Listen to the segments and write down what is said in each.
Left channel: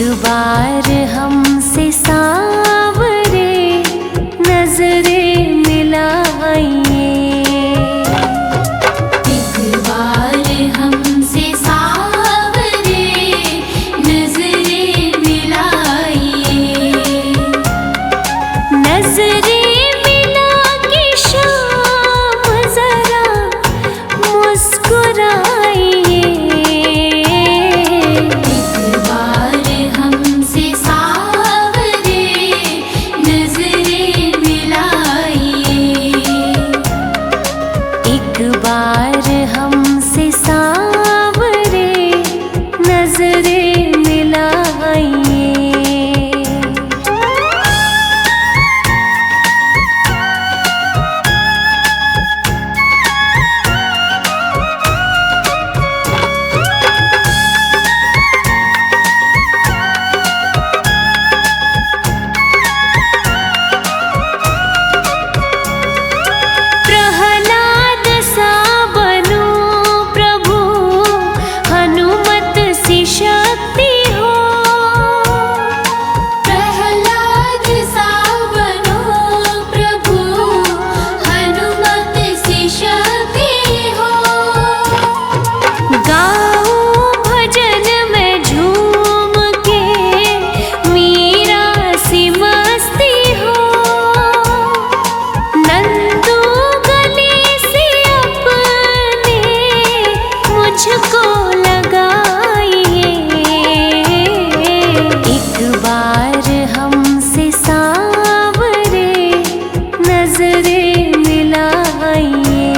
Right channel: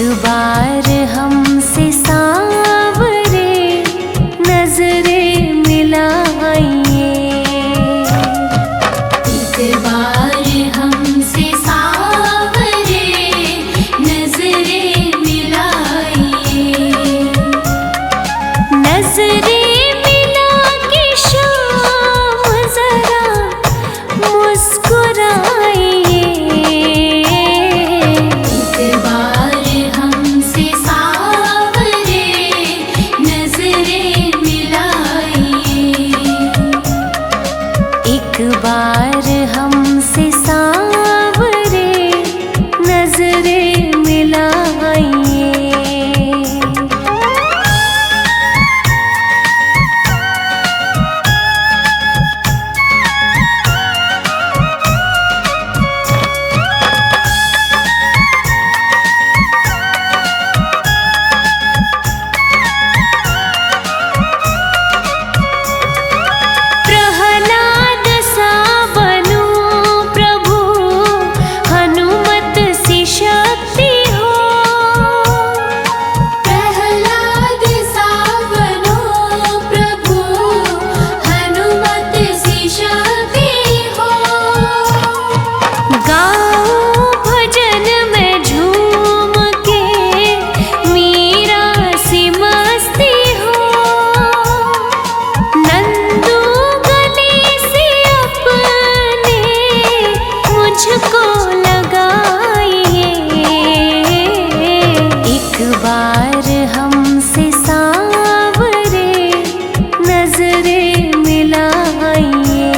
बार हमसे सांवरे नजरे मिलाइए। एक बार हमसे सांवरे नजरे मिलाइए। नजरे मिला के शाम जरा मुस्कुराइए। एक बार हमसे सांवरे नजरे मिलाइए। मुझको लगाइए। एक बार हमसे सांवरे नजरे मिलाइए।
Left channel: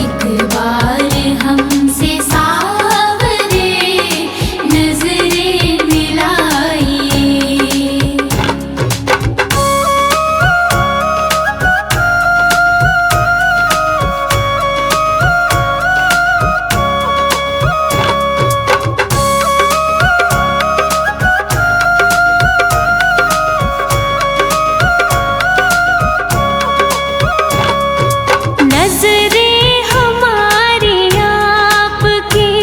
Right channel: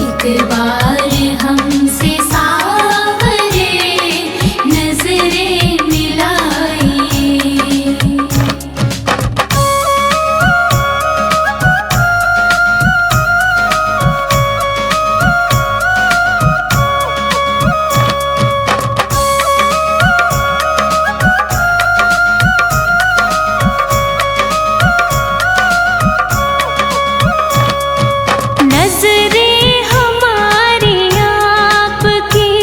एक बार हमसे सांवरे नजरे मिलाइए। नजरे हमारी आपकी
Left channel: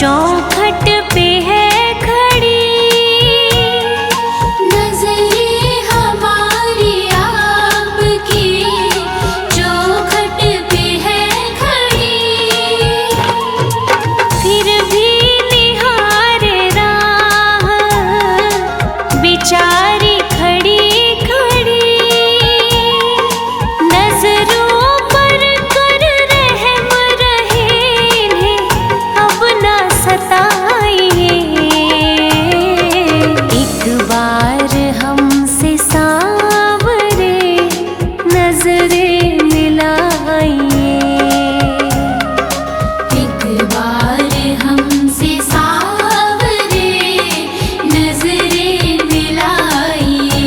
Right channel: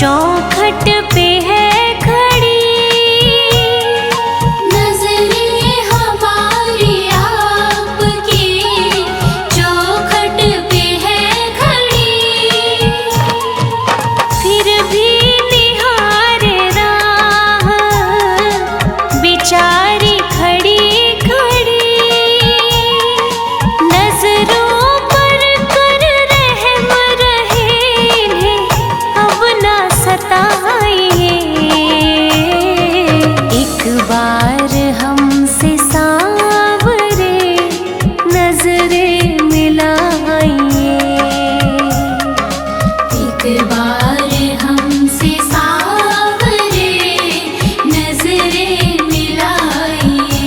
चौखट पे है खड़ी। नजरे हमारी आपकी चौखट पे है खड़ी। फिर भी निहारे राह बेचारी खड़ी खड़ी। नजरों एक बार हमसे सांवरे नजरे मिलाइए। एक बार हमसे सांवरे नजरे मिलाइए।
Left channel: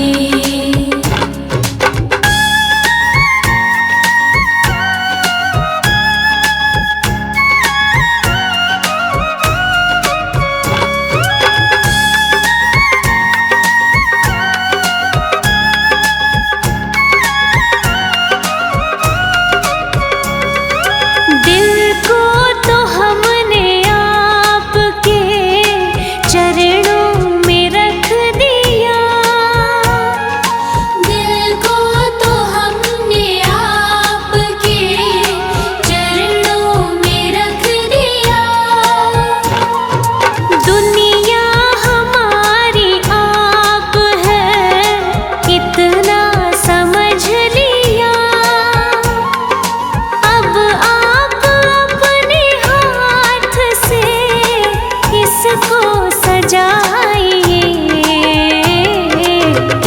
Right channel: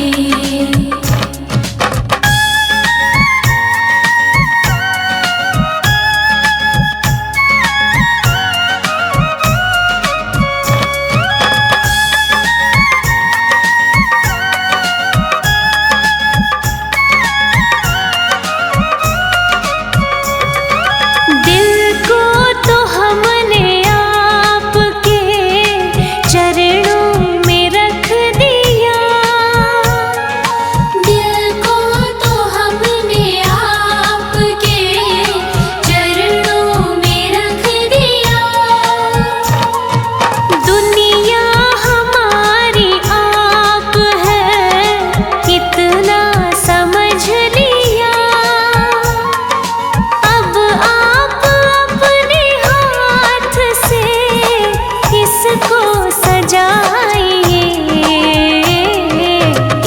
को सजाइए।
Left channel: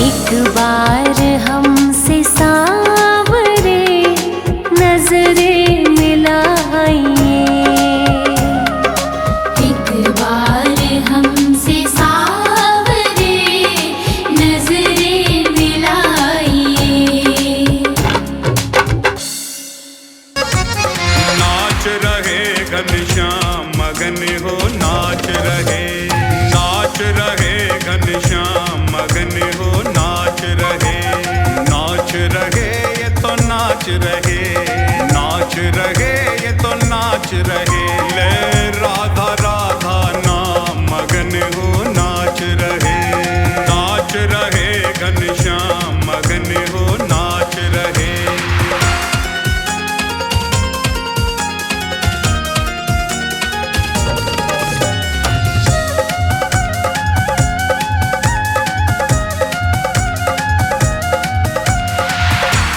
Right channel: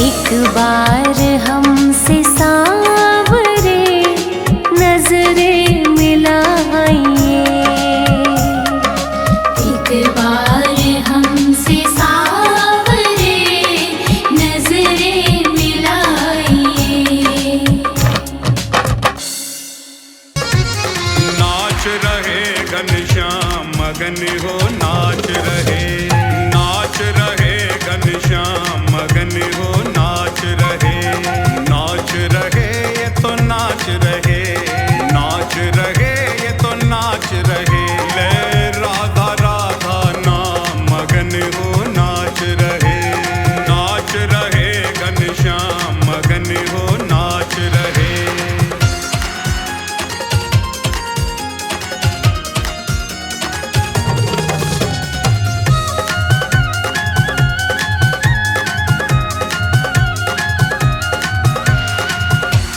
एक बार हमसे सांवरे नजरे मिलाइए। एक बार हमसे सांवरे नजरे मिलाइए। नाच रहे घनश्याम मगन हो नाच रहे। नाच रहे घनश्याम मगन हो नाच रहे। नाच रहे ये तो नाच रहे। नाच रहे ये तो नाच रहे। ले राधा राधा नाम नाच रहे घनश्याम मगन हो नाच रहे।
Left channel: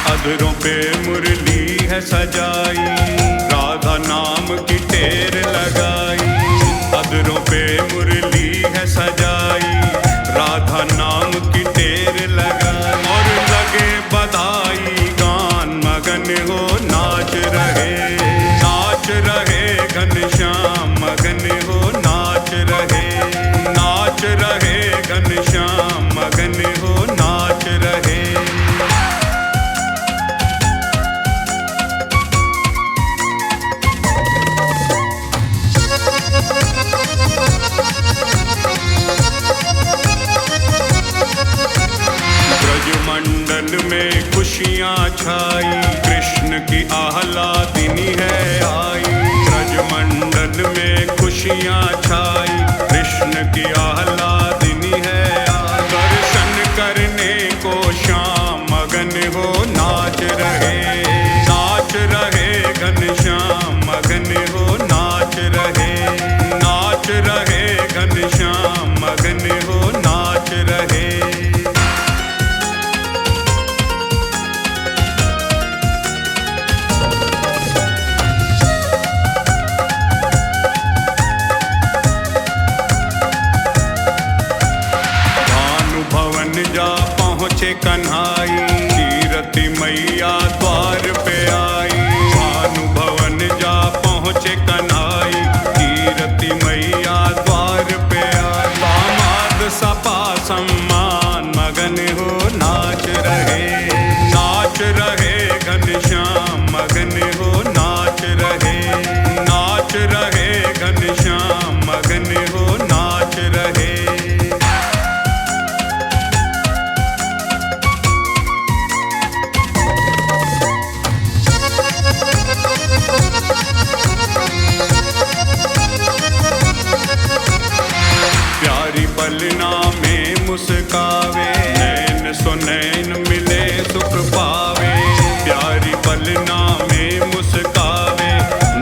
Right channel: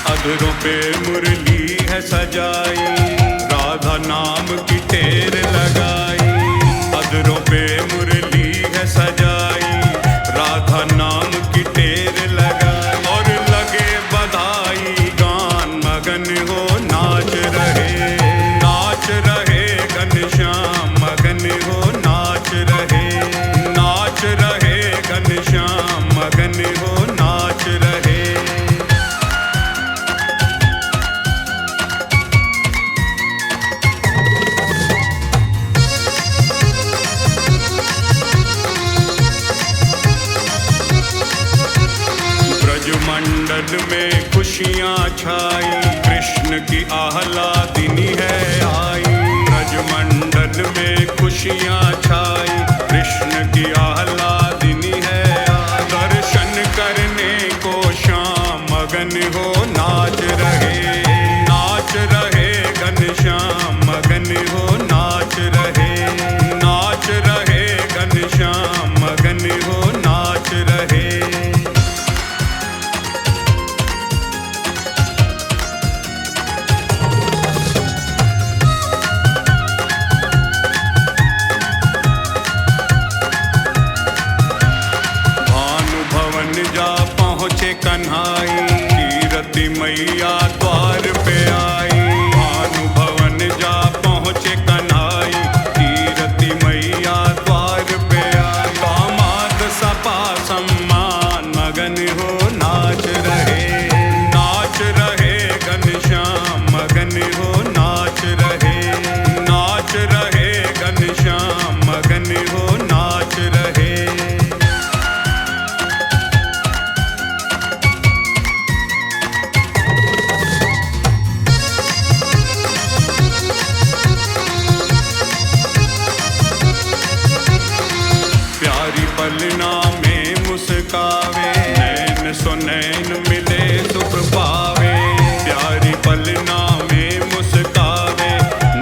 अधरों पे मुरली है सजाई, राधा नाम की टेर लगाई। अधरों पे मुरली है सजाई, राधा नाम की टेर लगाई। और लगे बधाई गान मगन हो नाच रहे घनश्याम मगन हो नाच रहे। नाच रहे घनश्याम मगन हो नाच रहे। ब्रजमंडल में खुशियाँ छाई, कृष्ण की आह्लादिनी है आई। ब्रजमंडल में खुशियाँ छाई, कृष्ण की आह्लादिनी है आई। दर्शन करने को श्याम मगन हो नाच रहे घनश्याम मगन हो नाच रहे घनश्याम मगन हो नाच रहे। भवन जा पहुँचे कन्हाई, कीरति मैया द्वार पे आई। भानु भवन जा पहुँचे कन्हाई, कीरति मैया द्वार पे आई। दामाद सपा सम्मान मगन हो नाच रहे घनश्याम मगन हो नाच रहे घनश्याम मगन हो नाच रहे। प्यारी पलना में मुस्कावे, नैन सो नैन मिले सुख पावे। प्यारी पलना में मुस्कावे,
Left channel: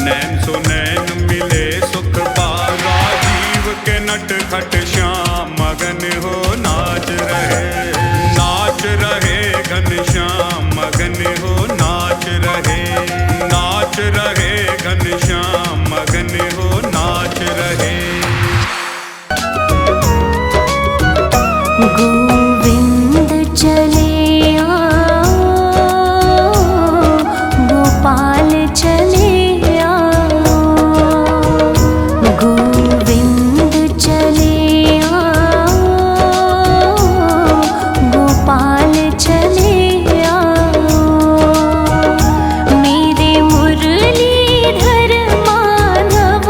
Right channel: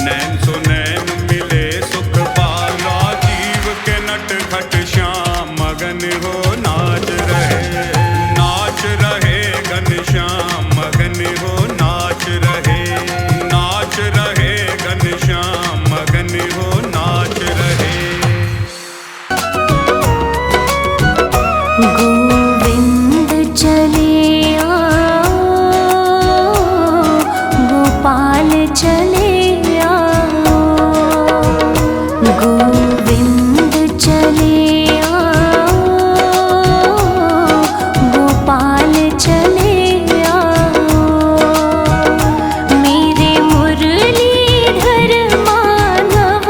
नैन सो नैन मिले सुख पावे। राजीव के नटखट श्याम मगन हो नाच रहे घनश्याम मगन हो नाच रहे घनश्याम मगन हो नाच रहे। गोविंद चले आओ, गोपाल चले आओ। गोविंद चले आओ, गोपाल चले आओ। मेरे मुरलीधर माधव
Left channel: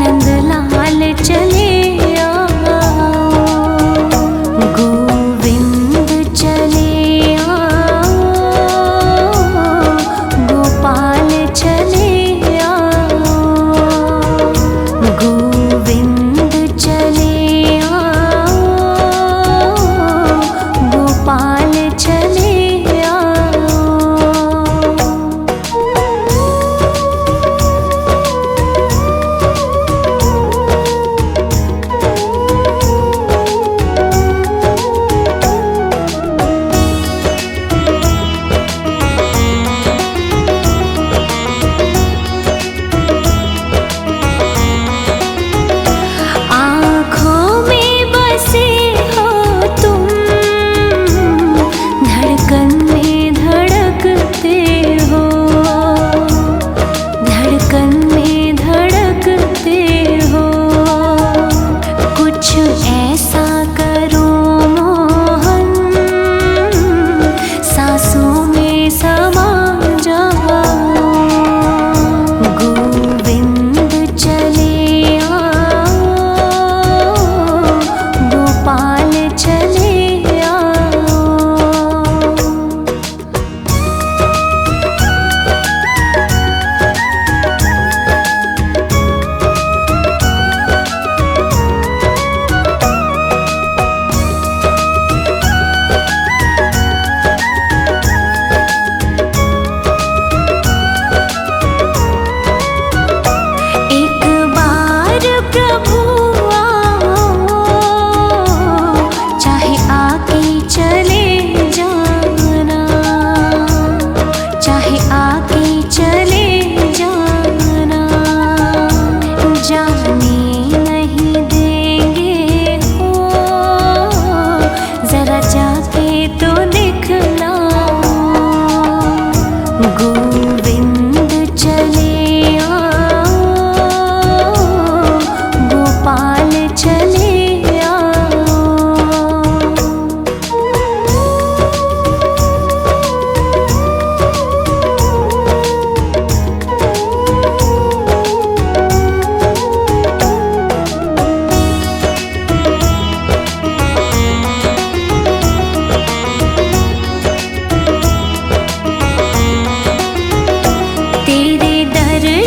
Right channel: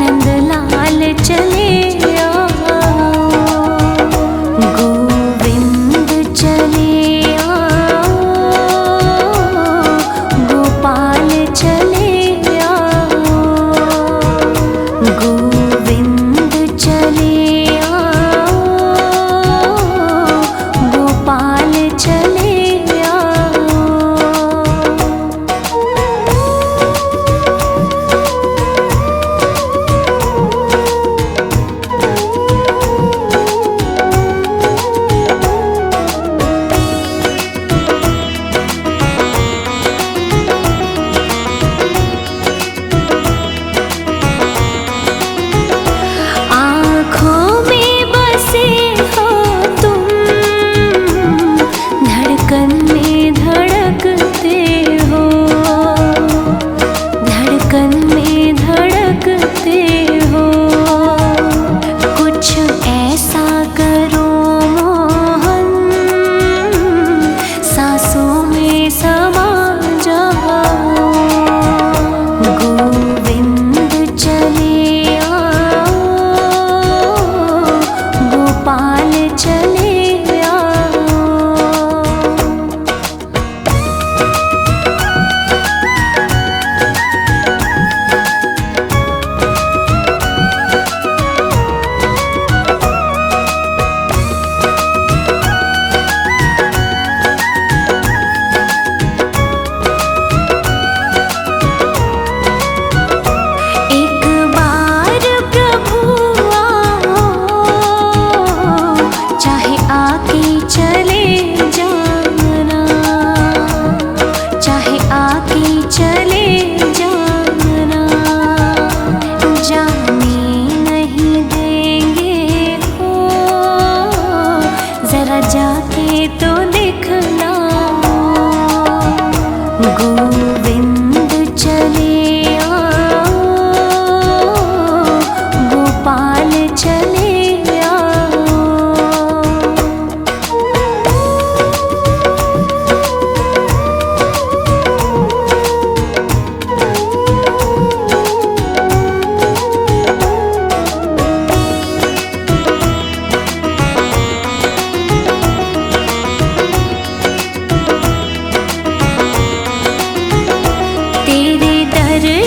नंदलाल चले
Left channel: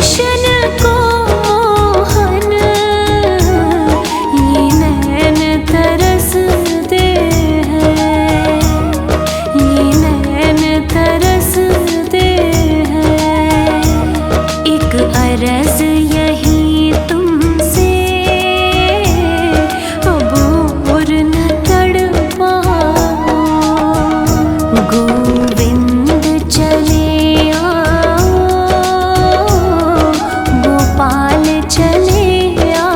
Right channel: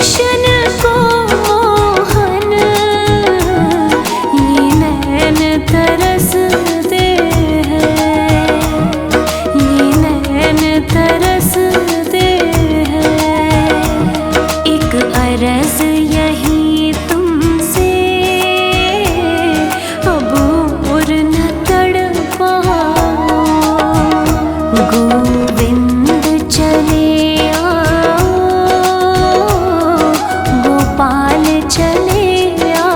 दर्शन को मोहन ये नैन तरसते हैं, ये नैन तरसते हैं। एक अर्ज यही तुमसे अब और न तड़पाओ, गोविंद चले आओ, गोपाल चले आओ।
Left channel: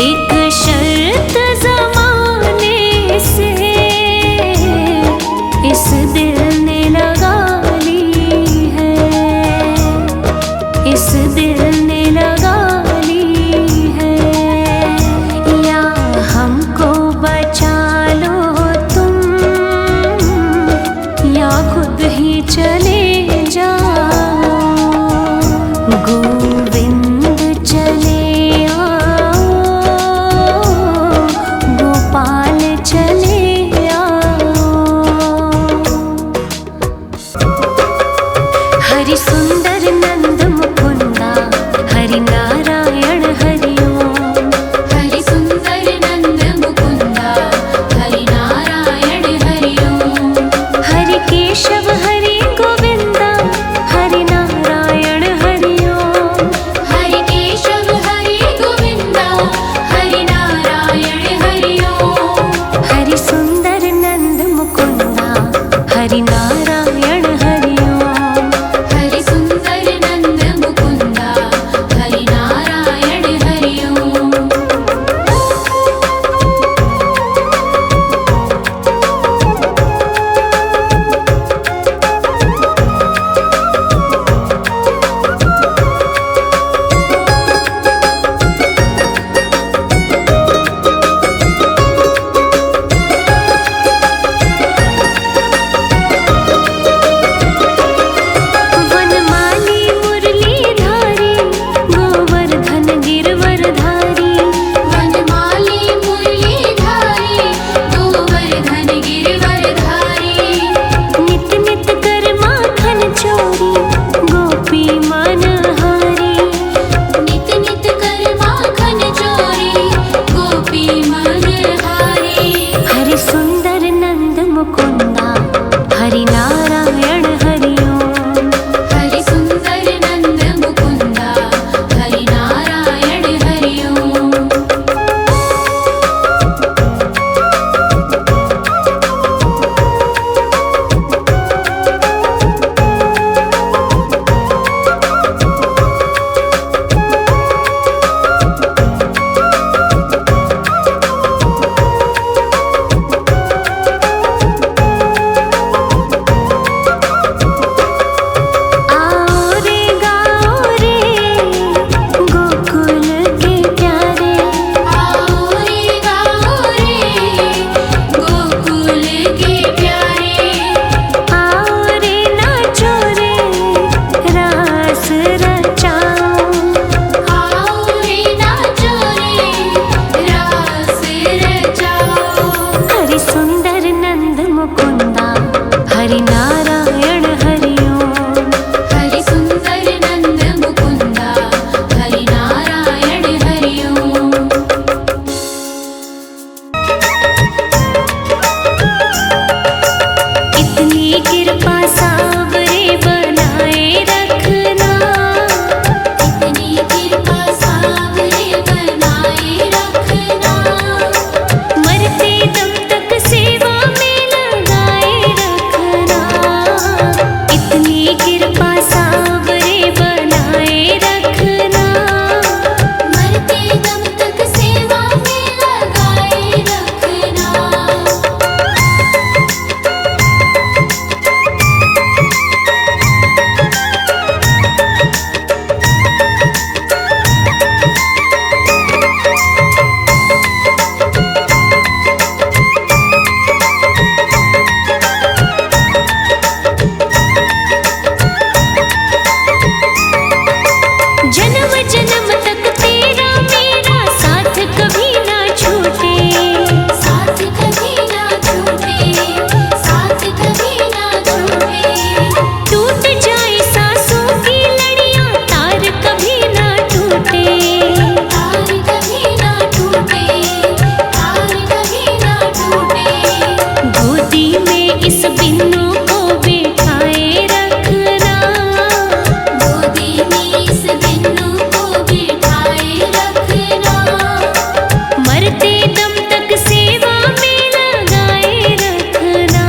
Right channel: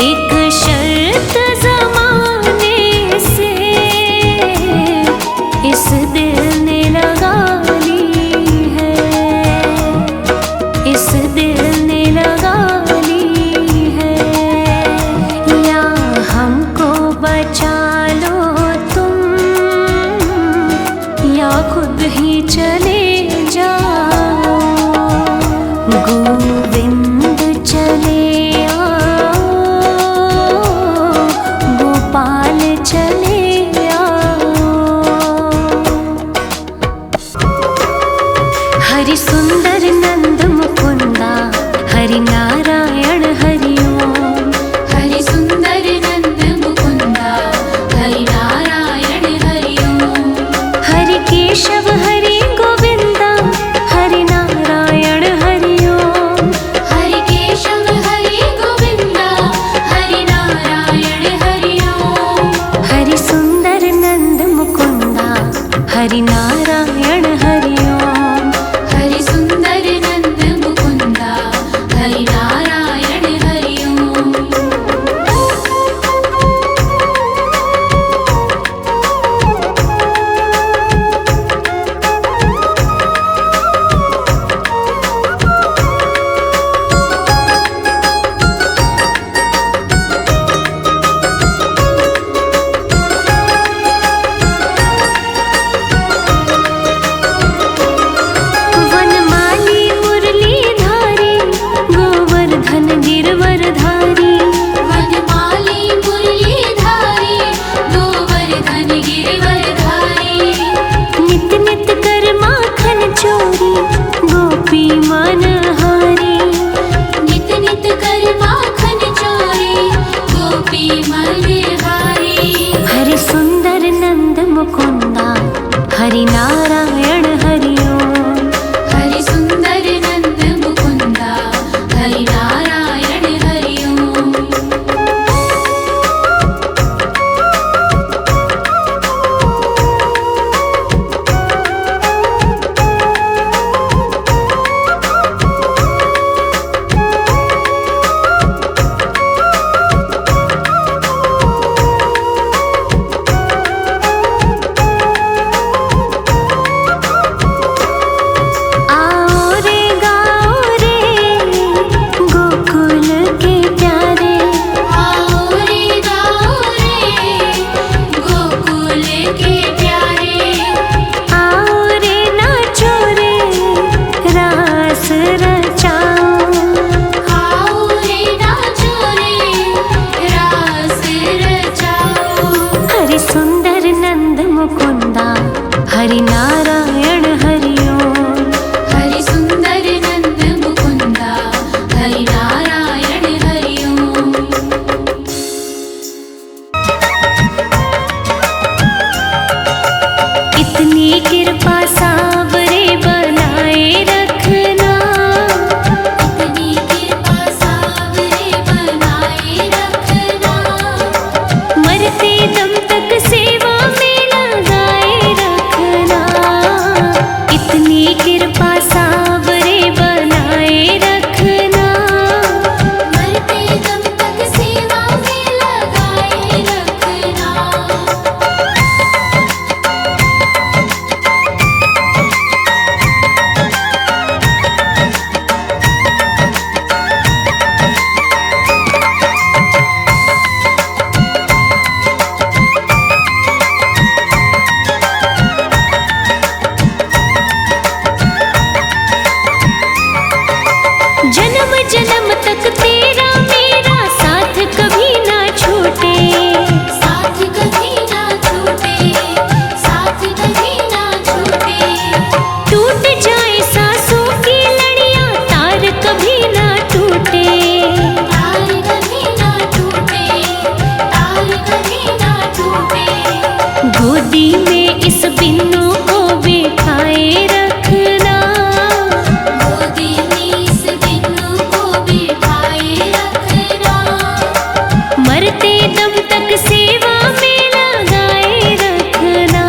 एक शर्त ज़माने से इस दिल ने लगा ली है, इस दिल ने लगा ली है। या हमको बचा लो तुम, या खुद ही चले जाओ। गोविंद चले आओ, गोपाल चले आओ। हरि सुंदर नंद मुकुंदा, हरि नारायण हरि ओम। हरि सुंदर नंद मुकुंदा, हरि नारायण हरि ओम। हरि केशव हरि गोविंदा, हरि नारायण हरि ओम। हरि केशव हरि गोविंदा, हरि नारायण हरि ओम। हरि सुंदर नंद मुकुंदा, हरि नारायण हरि ओम। हरि सुंदर नंद मुकुंदा, हरि नारायण हरि ओम। वनमाली मुरलीधारी, गोवर्धन गिरवरधारी। वनमाली मुरलीधारी, गोवर्धन गिरवरधारी। नित नित कर माखन चोरी, गोपी मनहारी। नित नित कर माखन चोरी, गोपी मनहारी। हरि सुंदर नंद मुकुंदा, हरि नारायण हरि ओम। हरि सुंदर नंद मुकुंदा, हरि नारायण हरि ओम। आओ रे गाओ रे गोकुल के प्यारे। आओ रे गाओ रे, गोकुल के प्यारे। आओ रे नाचो रे, रास रचाओ। आओ रे नाचो रे, रास रचाओ। हरि सुंदर नंद मुकुंदा, हरि नारायण हरि ओम। हरि सुंदर नंद मुकुंदा, हरि नारायण हरि ओम। इतनी कृपा सावरे बनाए रखना, इतनी कृपा सावरे बनाए रखना। मरते दम तक सेवा में लगाए रखना। इतनी कृपा सावरे बनाए रखना। मरते दम तक सेवा में लगाए रखना। गोदी में इस बिन्नू को बिठाए रखना, गोदी में इस बिन्नू को बिठाए रखना, मरते दम तक सेवा में लगाए रखना,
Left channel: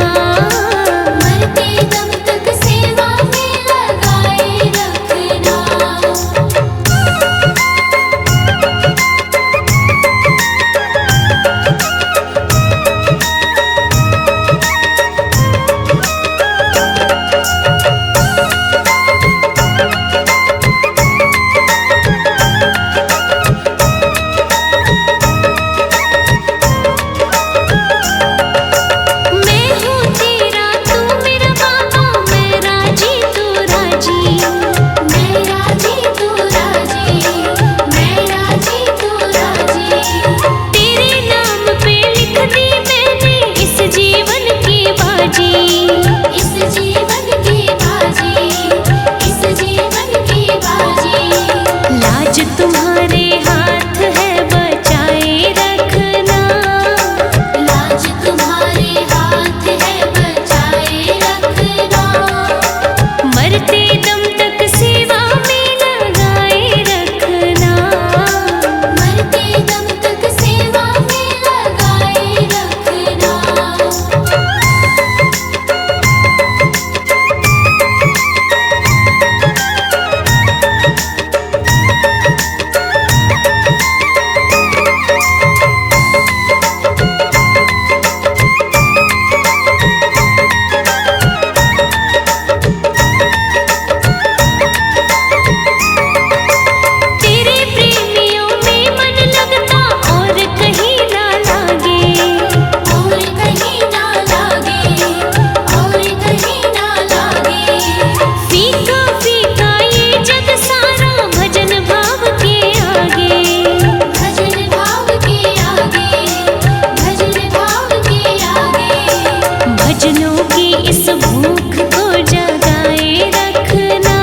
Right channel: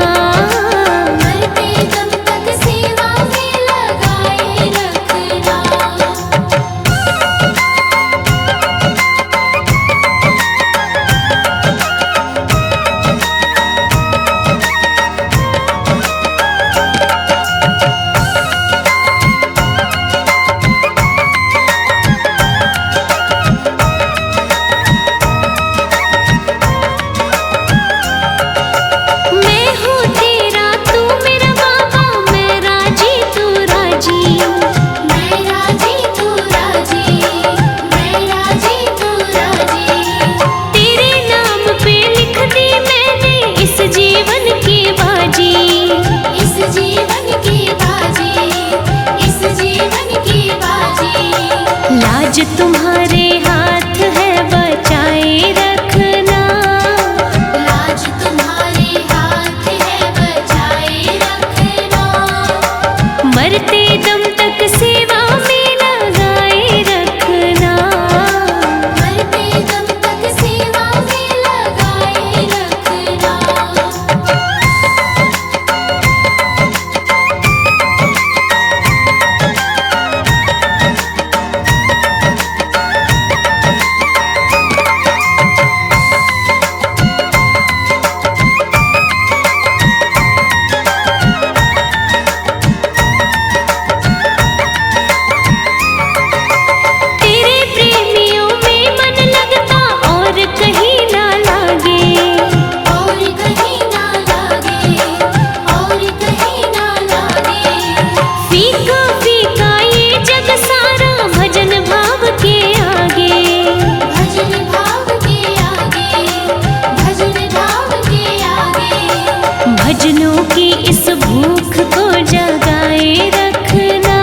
मरते दम तक सेवा में लगाए रखना। मैं हूँ तेरा तू मेरा बाबा, मैं राजी तू राजी, मैं राजी तू राजी, मैं राजी तू राजी, तेरे नाम पे लिख दी मैंने इस जीवन की बाजी, इस जीवन की बाजी, इस जीवन की बाजी। लाज तुम्हारे हाथ है बचाए रखना, लाज तुम्हारे हाथ है बचाए रखना, मरते दम तक सेवा में लगाए रखना, मरते दम तक सेवा में लगाए रखना। तेरे प्रेमियों में मन लगता और कहीं ना लागे, और कहीं ना लागे, और कहीं ना लागे, फीका फीका ये जग सारा भजन भाव के आगे, भजन भाव के आगे, भजन भाव के आगे। भजनों की इस भूख को जगाए रखना,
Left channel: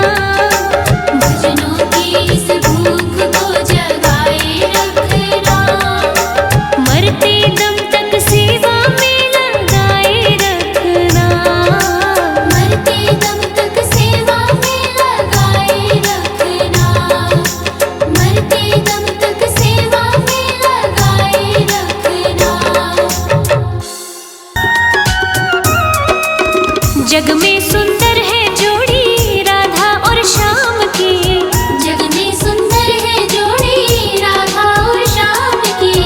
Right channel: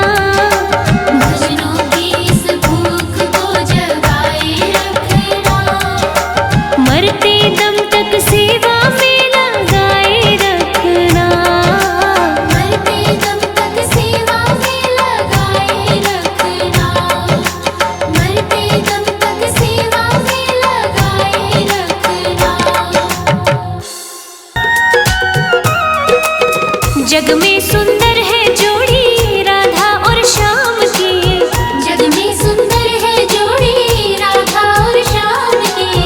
भजनों की इस भूख को जगाए रखना, मरते दम तक सेवा में लगाए रखना, मरते दम तक सेवा में लगाए रखना, मरते दम तक सेवा में लगाए रखना। जग में सुंदर है जोड़ी राधा और श्याम की, जग में सुंदर है जोड़ी राधा और श्याम की,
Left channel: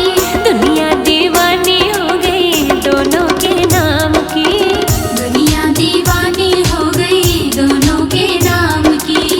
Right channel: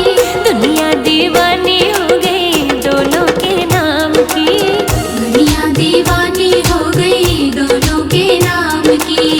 दुनिया दीवानी हो गई दोनों के नाम की, दुनिया दीवानी हो गई दोनों के नाम की।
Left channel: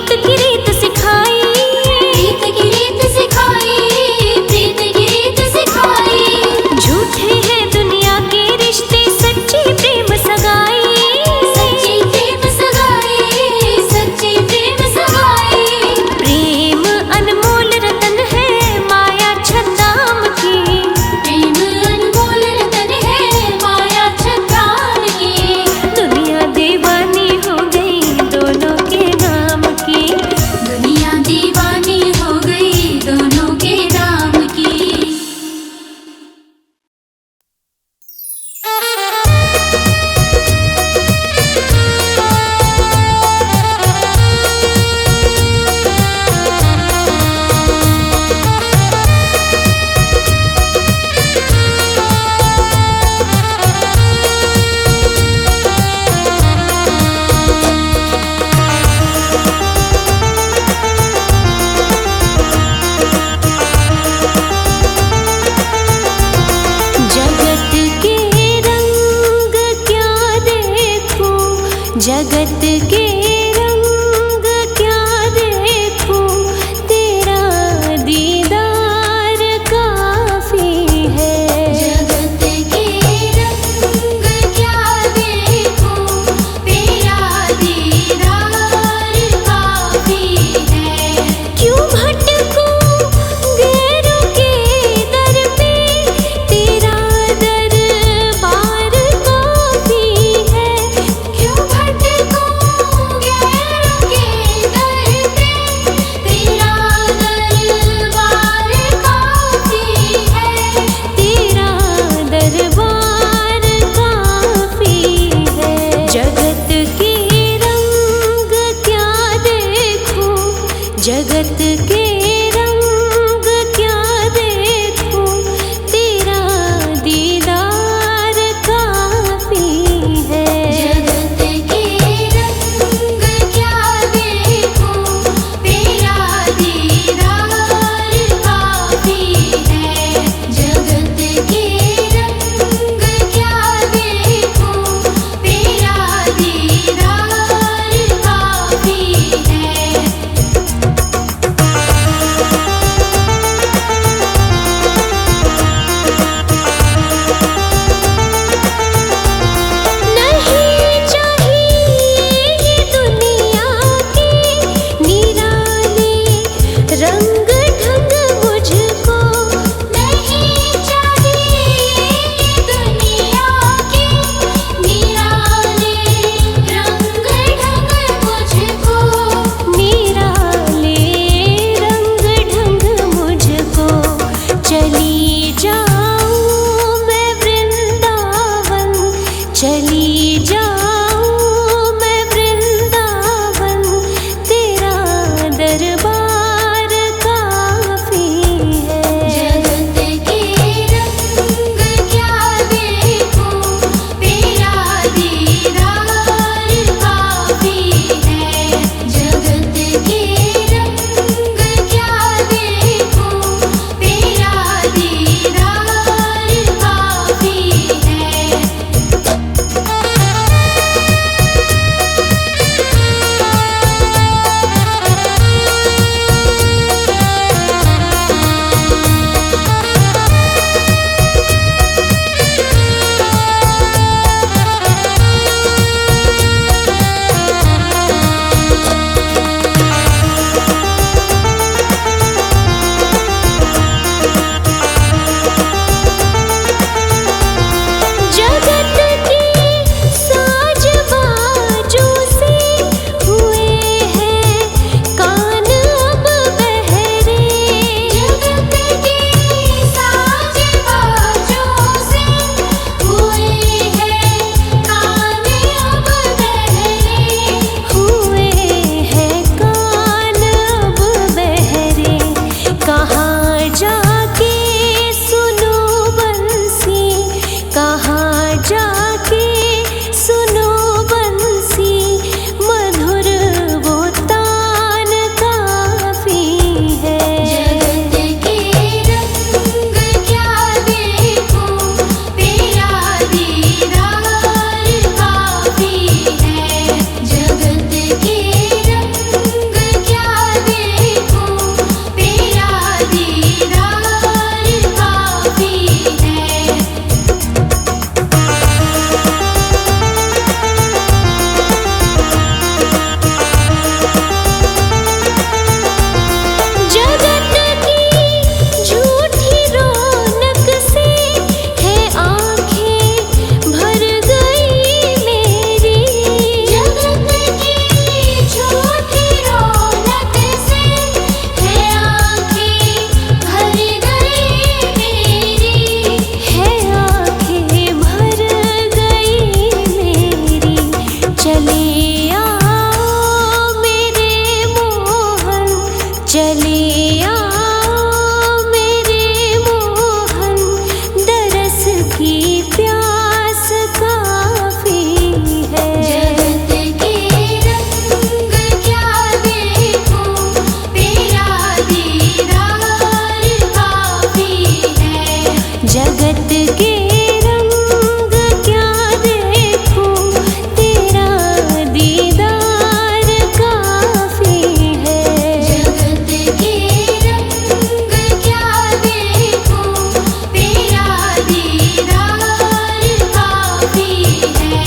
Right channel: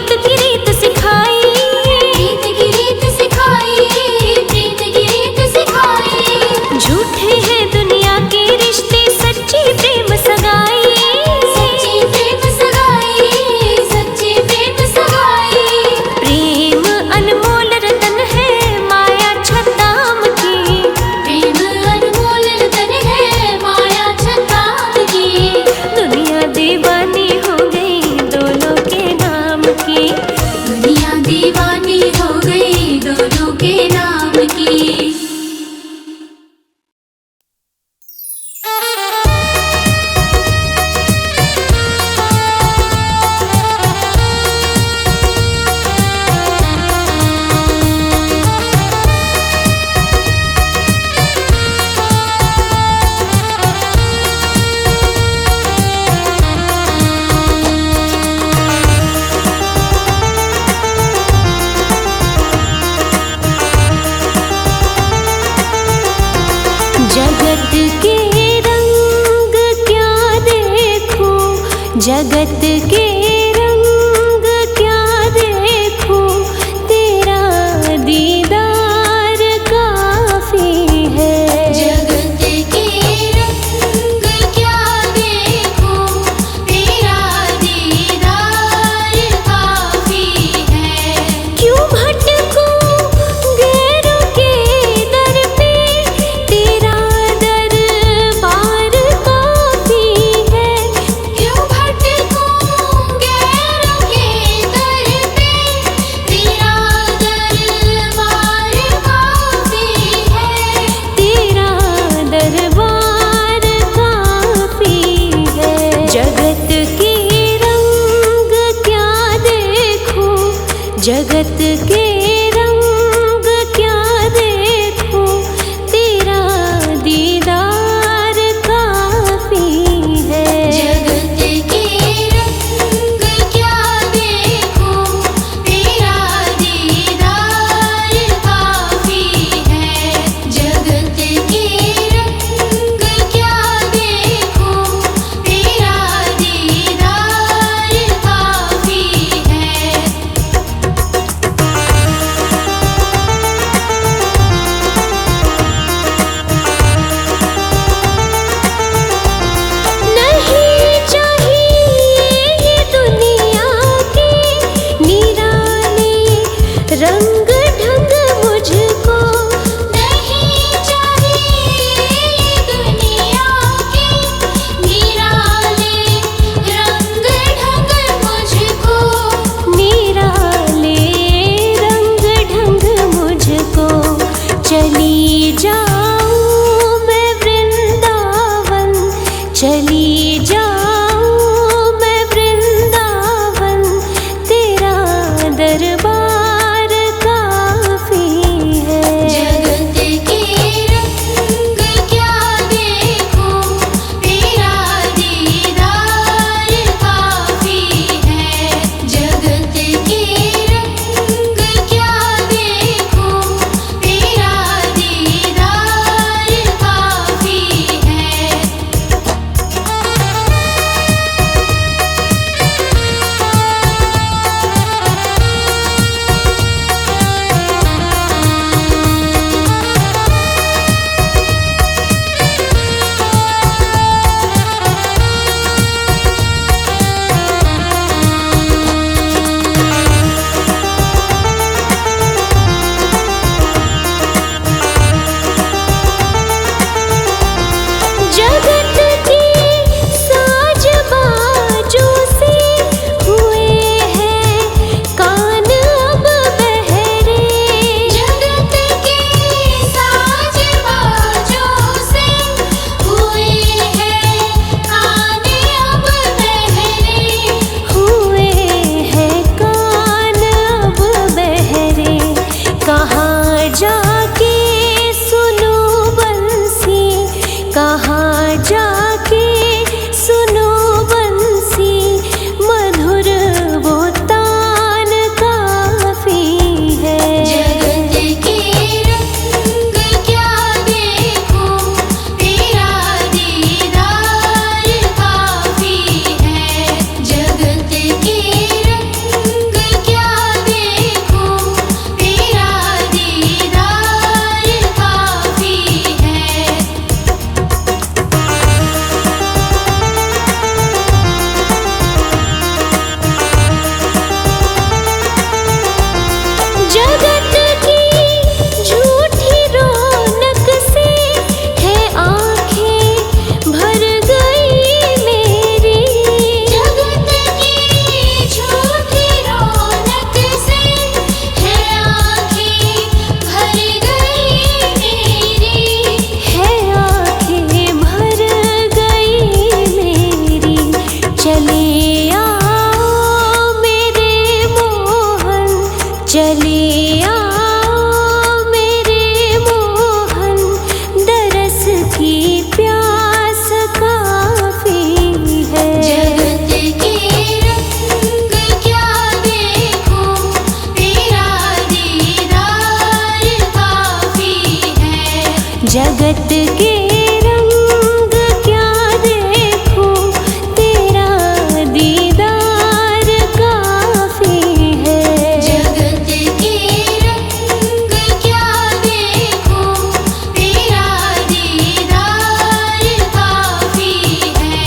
प्रीत की रीत सिखाई, प्रीत की रीत सिखाई, प्रीत की रीत सिखाई। झूठे हैं दुनिया के रिश्ते, सच्ची प्रेम सगाई, सच्ची प्रेम सगाई, सच्ची प्रेम सगाई। प्रेम अनमोल रतन है माया छद्दाम की, प्रेम अनमोल रतन है माया छद्दाम। दुनिया दीवानी हो गई दोनों के नाम की, दुनिया दीवानी हो गई दोनों के नाम की। जगत के रंग क्या देखूं, जगत के रंग क्या देखूं, तेरा दीदार काफी है। जगत के रंग क्या देखूं, तेरा दीदार काफी है। क्यों भटकूं गैरों के दर पे, तेरा दरबार काफी है। क्यों भटकूं गैरों के दर पे, तेरा दरबार काफी है। तेरा दरबार काफी है। जगत के रंग क्या देखूं, जगत के रंग क्या देखूं, तेरा दीदार काफी है। जगत के रंग क्या देखूं, तेरा दीदार काफी है। जगत के रंग क्या देखूं, तेरा दीदार काफी है। नहीं चाहिए ये दुनिया के निराले रंग ढंग मुझको, नहीं चाहिए दुनिया के निराले रंग ढंग मुझको। निराले रंग ढंग मुझको। चली जाऊं मैं वृंदावन, चली जाऊं मैं वृंदावन, तेरा दरबार काफी है। जगत के रंग क्या देखूं, तेरा दीदार काफी है। जगत के रंग क्या देखूं, तेरा दीदार काफी है। जगत के साज बाजों से हुए हैं कान अब बहरे। जगत के साज बाजों से हुए हैं कान अब बहरे। हुए हैं कान अब बहरे। कहाँ जाके सुनो बंसी, कहाँ भर गई मेरी। जगत की झूठी रौनक से है आँखें भर गई मेरी। है आँखें भर गई मेरी। चले आओ मेरे मोहन, चले आओ मेरे मोहन, दरस की प्यास काफी है। जगत के रंग क्या देखूं, तेरा दीदार काफी है। जगत के रंग क्या देखूं, तेरा दीदार काफी है। जगत के रंग क्या देखूं, तेरा दीदार काफी है।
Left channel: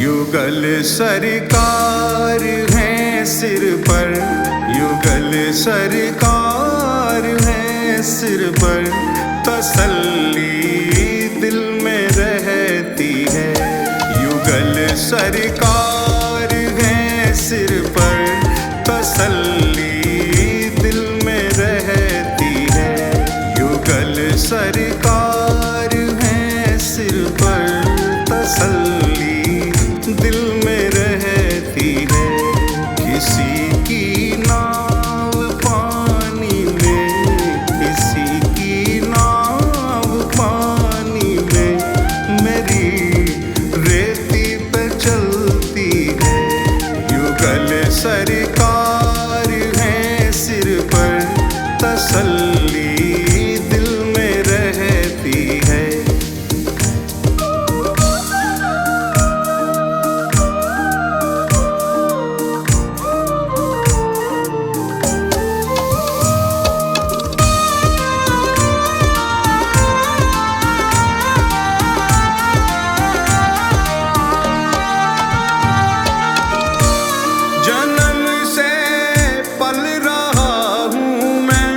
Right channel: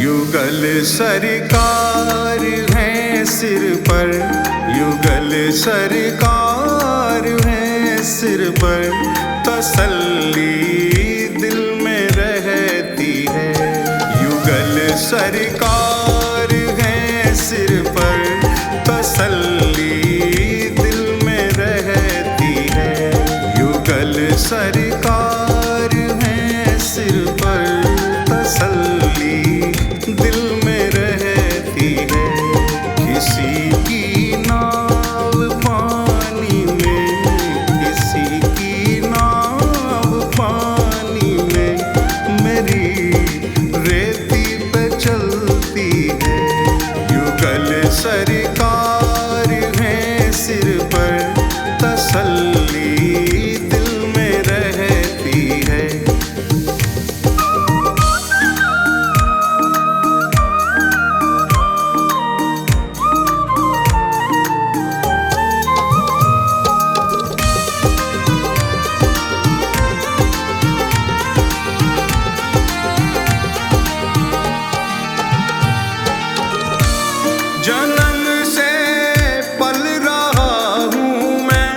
युगल सरकार है सिर पर, युगल सरकार है सिर पर, तसल्ली दिल में रहती है। युगल सरकार है सिर पर, तसल्ली दिल में रहती है। युगल सरकार है सिर पर, तसल्ली दिल में रहती है। किसी की नाव पानी में, किसी की नाव पानी में, मेरी रेती पे चलती है। युगल सरकार है सिर पर, तसल्ली दिल में रहती है। जन्म से पल रहा हूँ मैं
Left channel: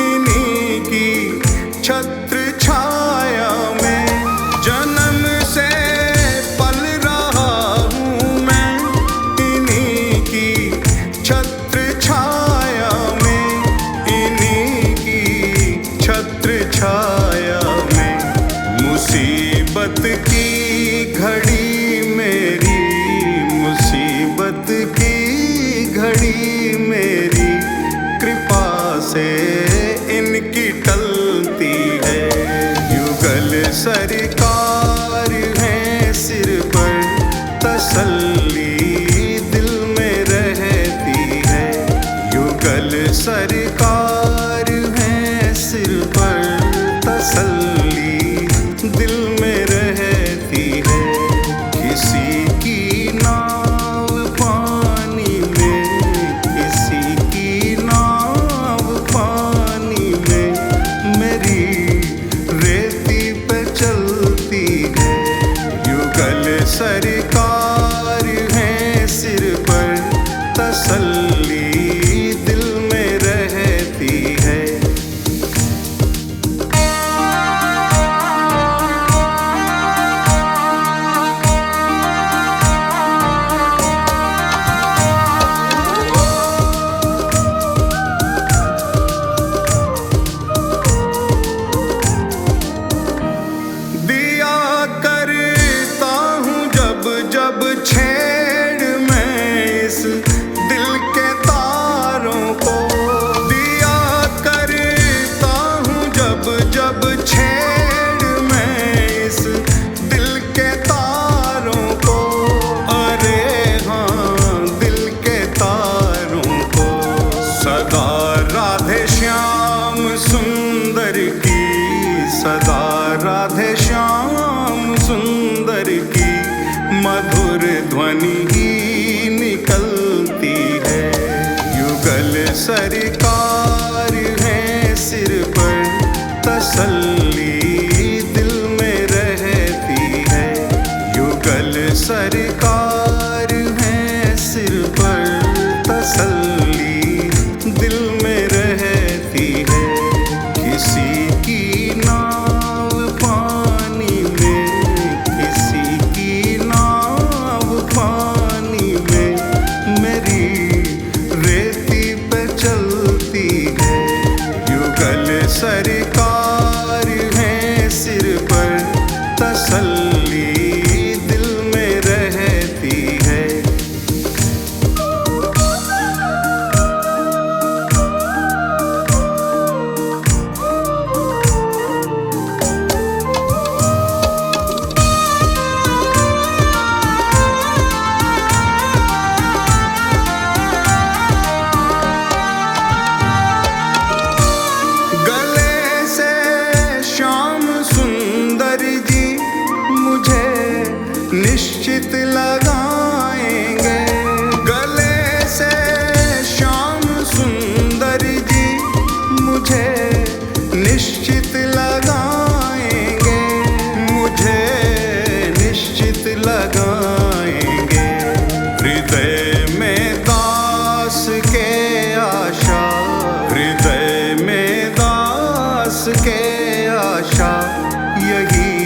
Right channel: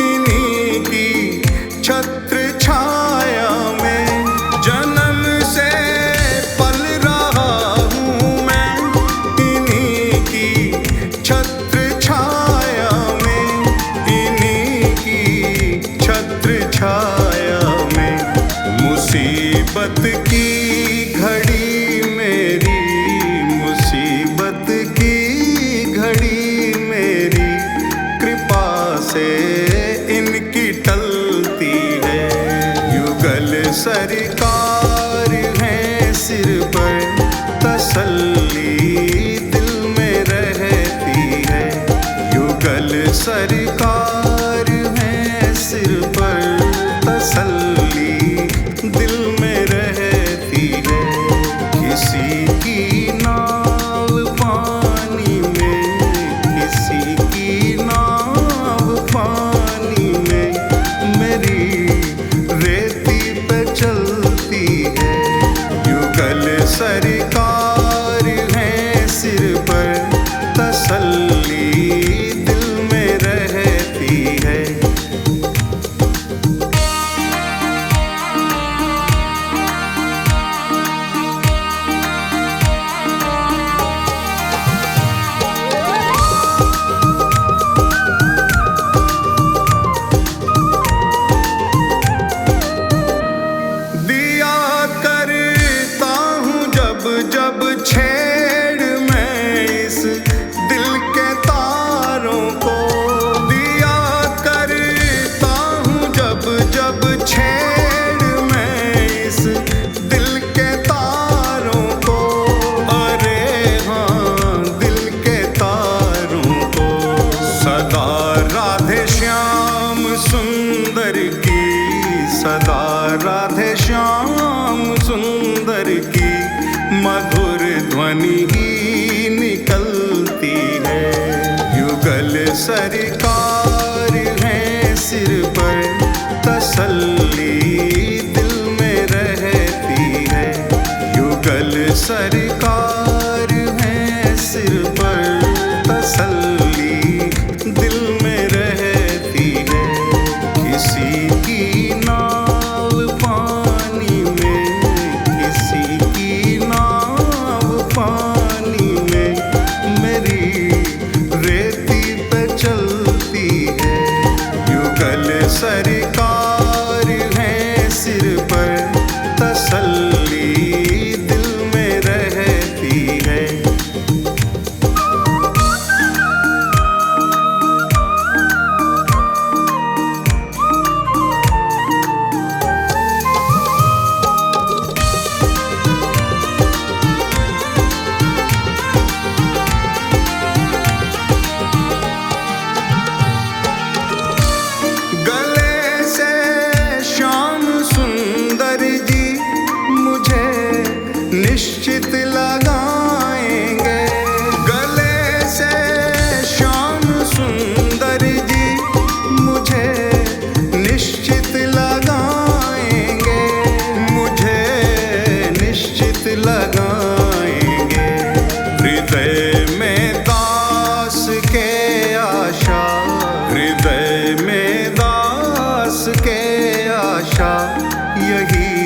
इन्हीं की छत्र छाया में। जन्म से पल रहा हूँ मैं इन्हीं की छत्र छाया में, इन्हीं की छत्र छाया में। मुसीबत की घड़ी मेरी, मुसीबत की घड़ी मेरी, कृपा से इनकी टलती है। युगल सरकार है सिर पर, तसल्ली दिल में रहती है। युगल सरकार है सिर पर, तसल्ली दिल में रहती है। किसी की नाव पानी में, किसी की नाव पानी में, मेरी रेती पे चलती है। युगल सरकार है सिर पर, तसल्ली दिल में रहती है। जब छेड़ मैं इस दिल के तारों को, दिया करता हूँ जब जब छेड़ मैं इस दिल के तारों को। अरे हाँ दिल के तारों को, सदा राधे श्याम सुंदर की, सदा राधे श्याम सुंदर की मधुर ध्वनि ही निकलती है। युगल सरकार है सिर पर, तसल्ली दिल में रहती है। युगल सरकार है सिर पर, तसल्ली दिल में रहती है। किसी की नाव पानी में, किसी की नाव पानी में, मेरी रेती पे चलती है। युगल सरकार है सिर पर, तसल्ली दिल में रहती है। गले से श्याम सुंदर जी मुझे निश्चित लगाएंगे। गले से श्याम सुंदर जी मुझे निश्चित लगाएंगे, मुझे निश्चित लगाएंगे। हृदय में दास के आशा, हृदय में दास के आशा, यही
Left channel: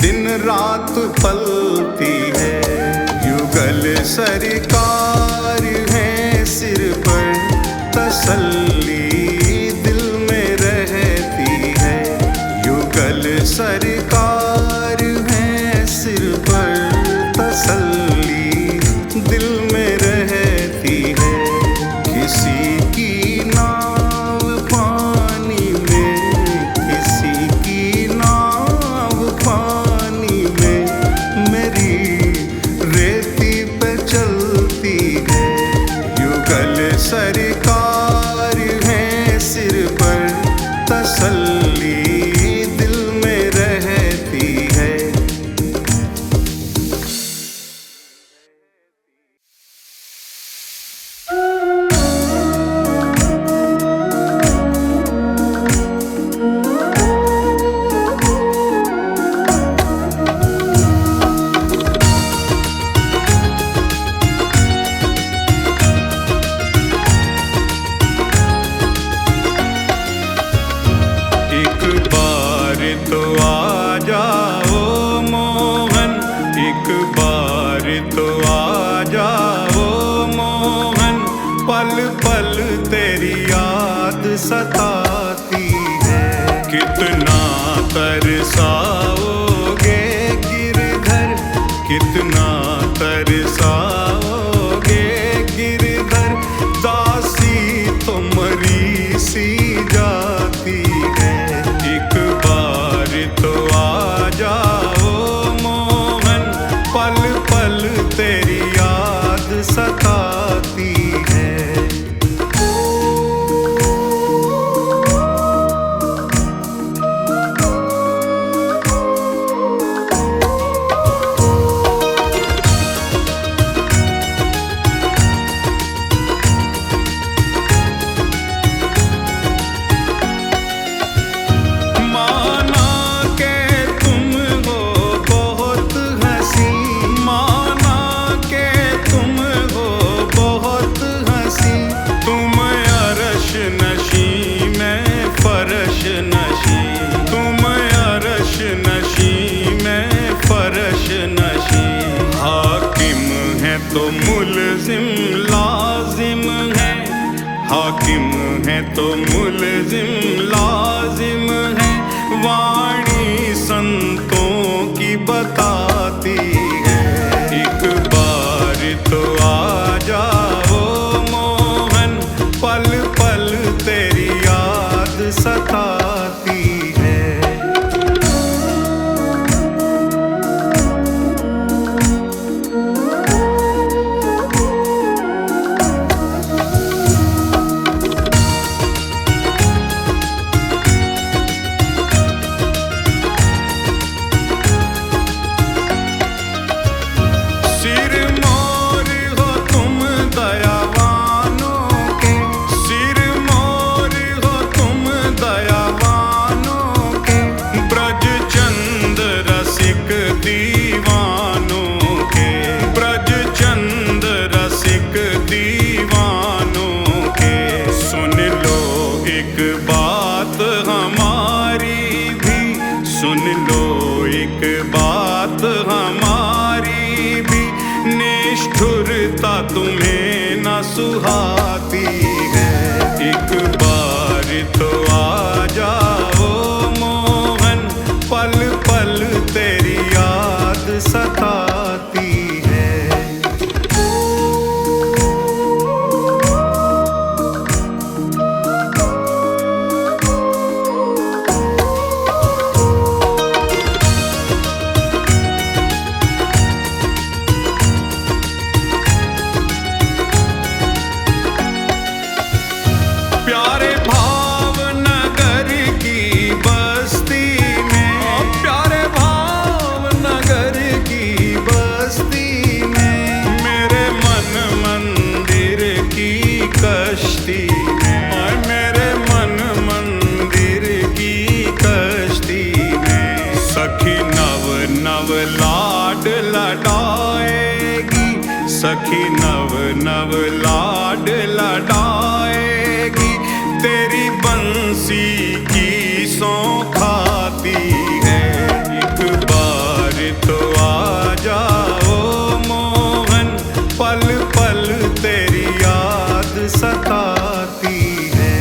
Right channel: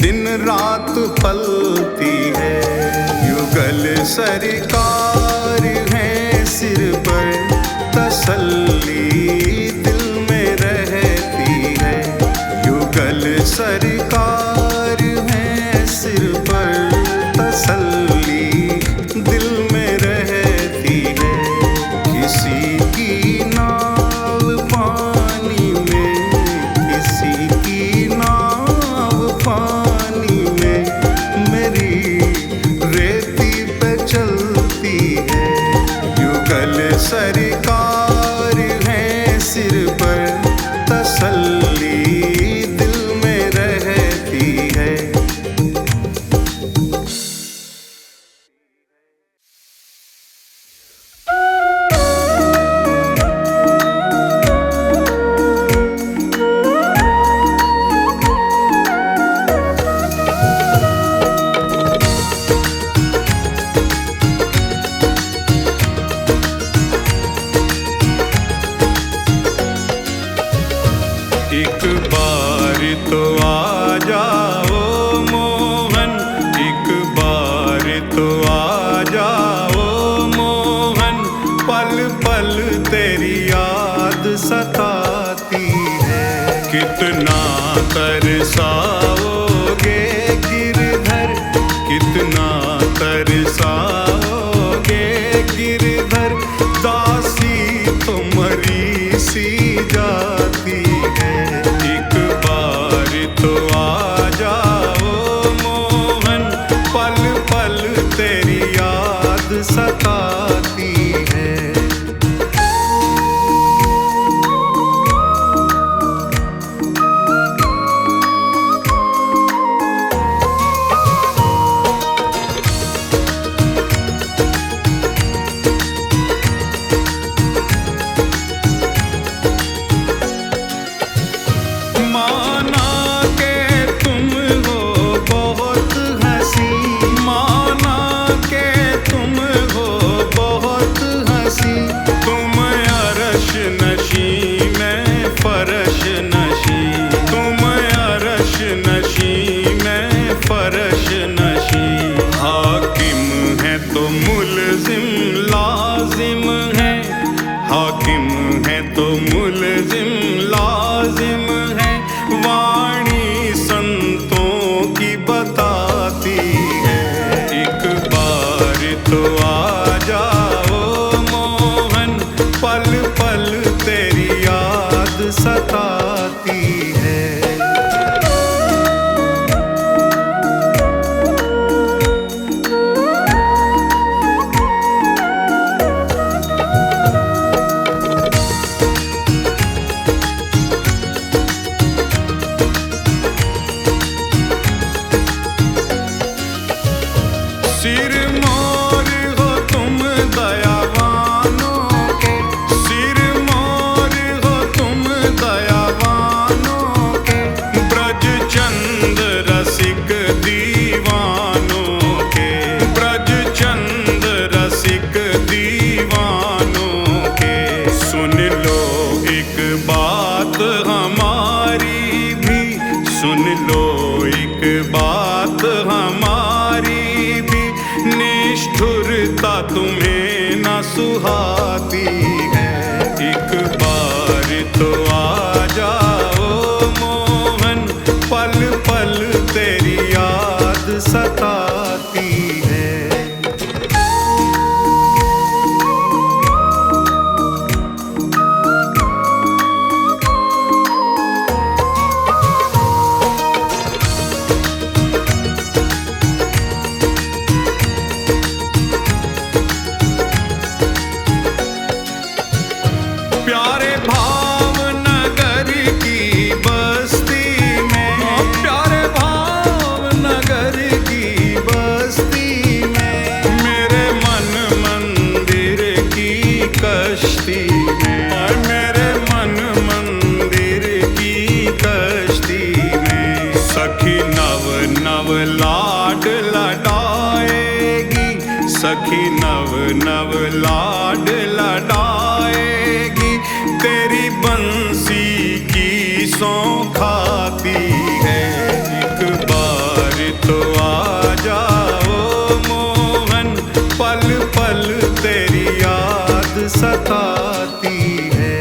दिन रात पलती है। युगल सरकार है सिर पर, तसल्ली दिल में रहती है। युगल सरकार है सिर पर, तसल्ली दिल में रहती है। किसी की नाव पानी में, किसी की नाव पानी में, मेरी रेती पे चलती है। युगल सरकार है सिर पर, तसल्ली दिल में रहती है। एक बार तो आ जाओ मोहन, एक बार तो आ जाओ मोहन। पल पल तेरी याद सताती है। कितना तरसाओगे गिरधर, कितना तरसाओगे गिरधर। दासी तो मरी सी जाती है। एक बार तो आ जाओ मोहन, पल पल तेरी याद सताती है। माना के तुम हो बहुत हंसी, माना के तुम हो बहुत हंसी। तुम अरश नशी मैं फरश नशी, तुम अरश नशी मैं फरश नशी। हाकिम है तो मुलजिम लाजिम है, हाकिम है तो मुलजिम लाजिम है। वाणी संतों की बताती है। एक बार तो आ जाओ मोहन, पल पल तेरी याद सताती है। सिर मोर हो तुम दयावानों के, दीवानों के, ब्रज चंद रसिक दीवानों के। सुन लो एक बात हमारी भी, सुन लो एक बात हमारी भी, निष्ठुरता तुम्हें न सुहाती है। एक बार तो आ जाओ मोहन, पल पल तेरी याद सताती है। प्यारे भावनगर की बस्ती में, प्यारे भावनगर की बस्ती में, मेरे मन मंदिर की कश्ती में, और मेरे मन मंदिर की कश्ती में, सखी नव नव लाड लडाएगी, सखी नव नव लाड लडाएगी, तेरी बंसी की सौंखाती है। एक बार तो आ जाओ मोहन, पल पल तेरी याद सताती है।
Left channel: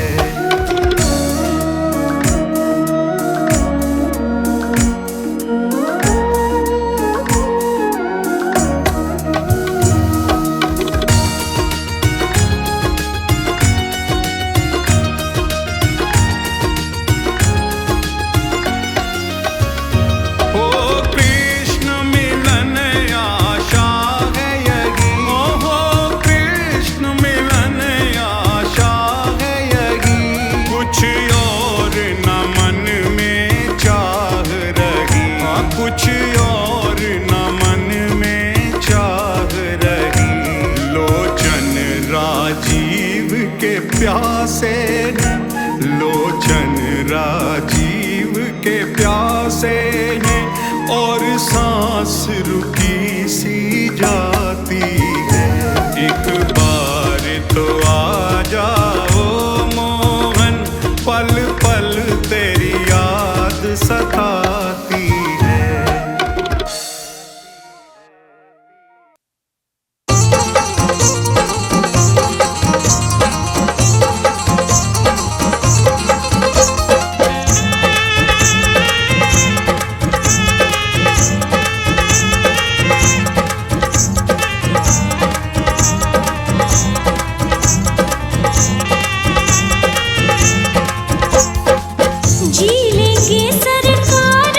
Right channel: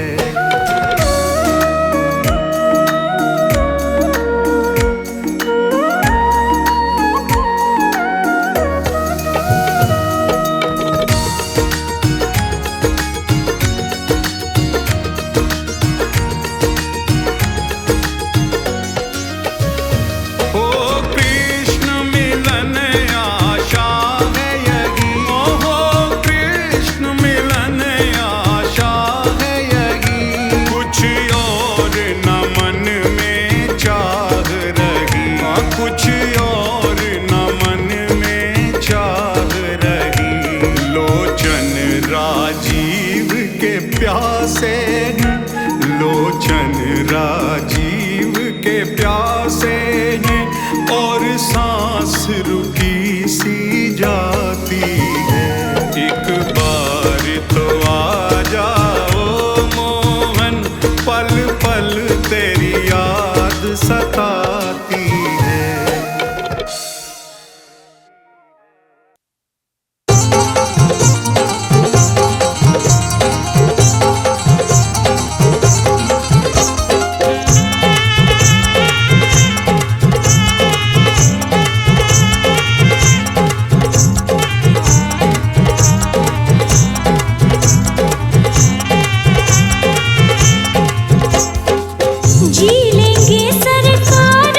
कुछ और न मन में चाह रही, लोचन राजीव के प्यासे हैं, लोचन राजीव के प्यासे हैं, और सांस रुकी सी जाती है। एक बार तो आ जाओ मोहन, पल पल तेरी याद सताती है। जी लेंगे सरकार